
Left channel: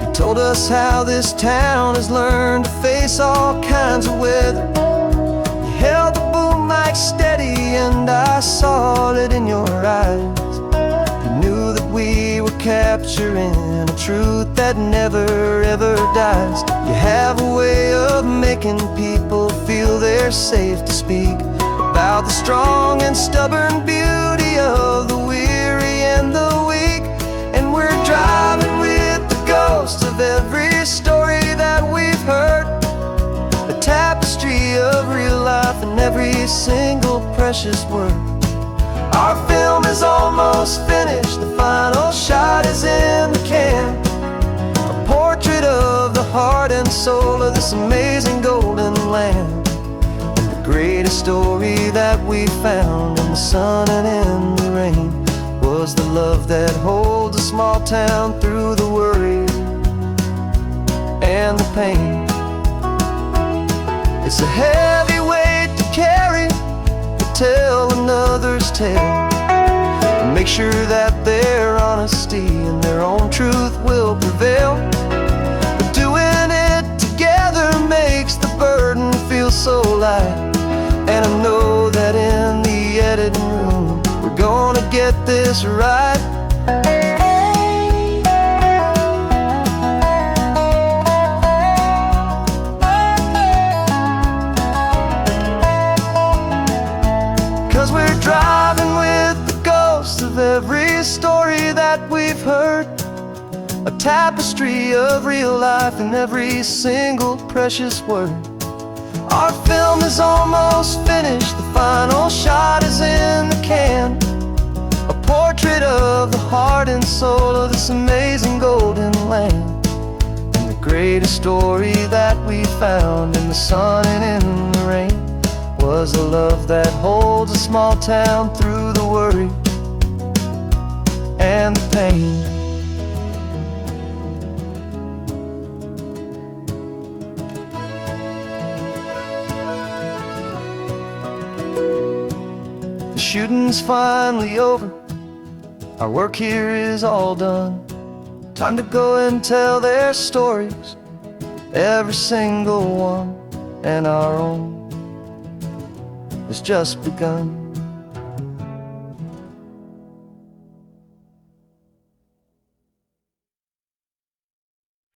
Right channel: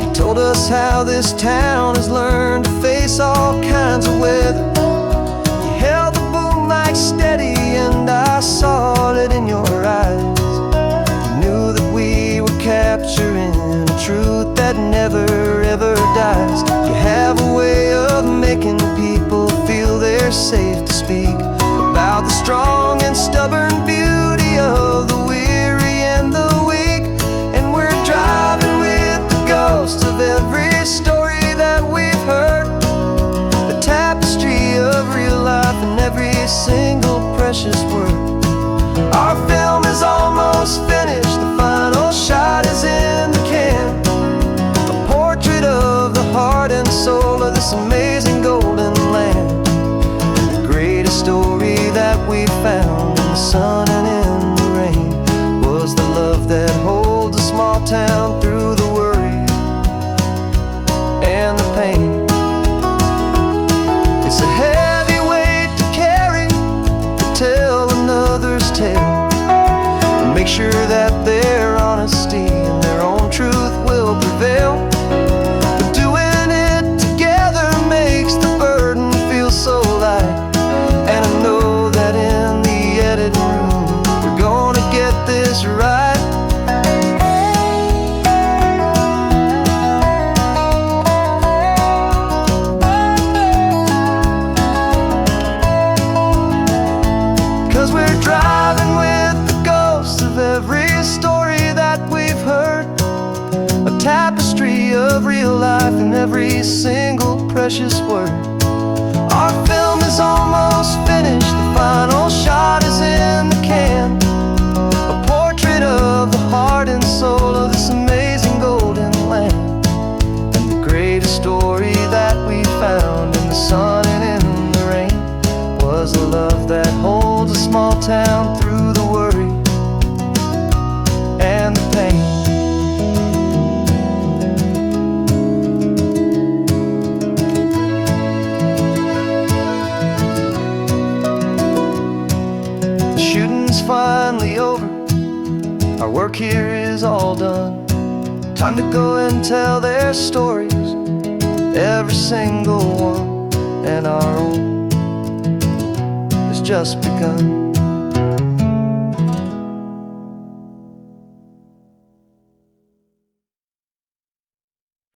He told us how this town has learned to face all kinds of weather. You held the boom mic steady and I saw it in your eyes. You knew that we were capturing a truth that never ever dies. You have a way of making people feel they're safe to speak about the strong and stubborn beauty of the weary and the weak. And we're driving with the ghosts of every story that we've heard, a tapestry of real life in every single precious word. Our film is almost finished, the final shot is in the can, a portrait of the heart and soul of this amazing golden land. Greatest story that we found in the sun and in the rain was the love that holds a small town through the worry and the pain. It's a heavy weight to carry, to tell another's tale, and make sure that their honesty and their own truth will prevail. But doing it together makes the burden feel so light. And I know that in the editing room we're gonna get this right. 'Cause we're driving with the ghosts of every story that we've heard, a tapestry of real life in every single precious word. Our film is almost finished, the final shot is in the can, a portrait of the heart and soul of this amazing golden land. And the greatest story that we found in the sun and in the rain was a love that holds a small town through the worry and the pain. Shooting's finally over, our work here is all done. Time to go and tell their stories, every single one, and our own has just begun.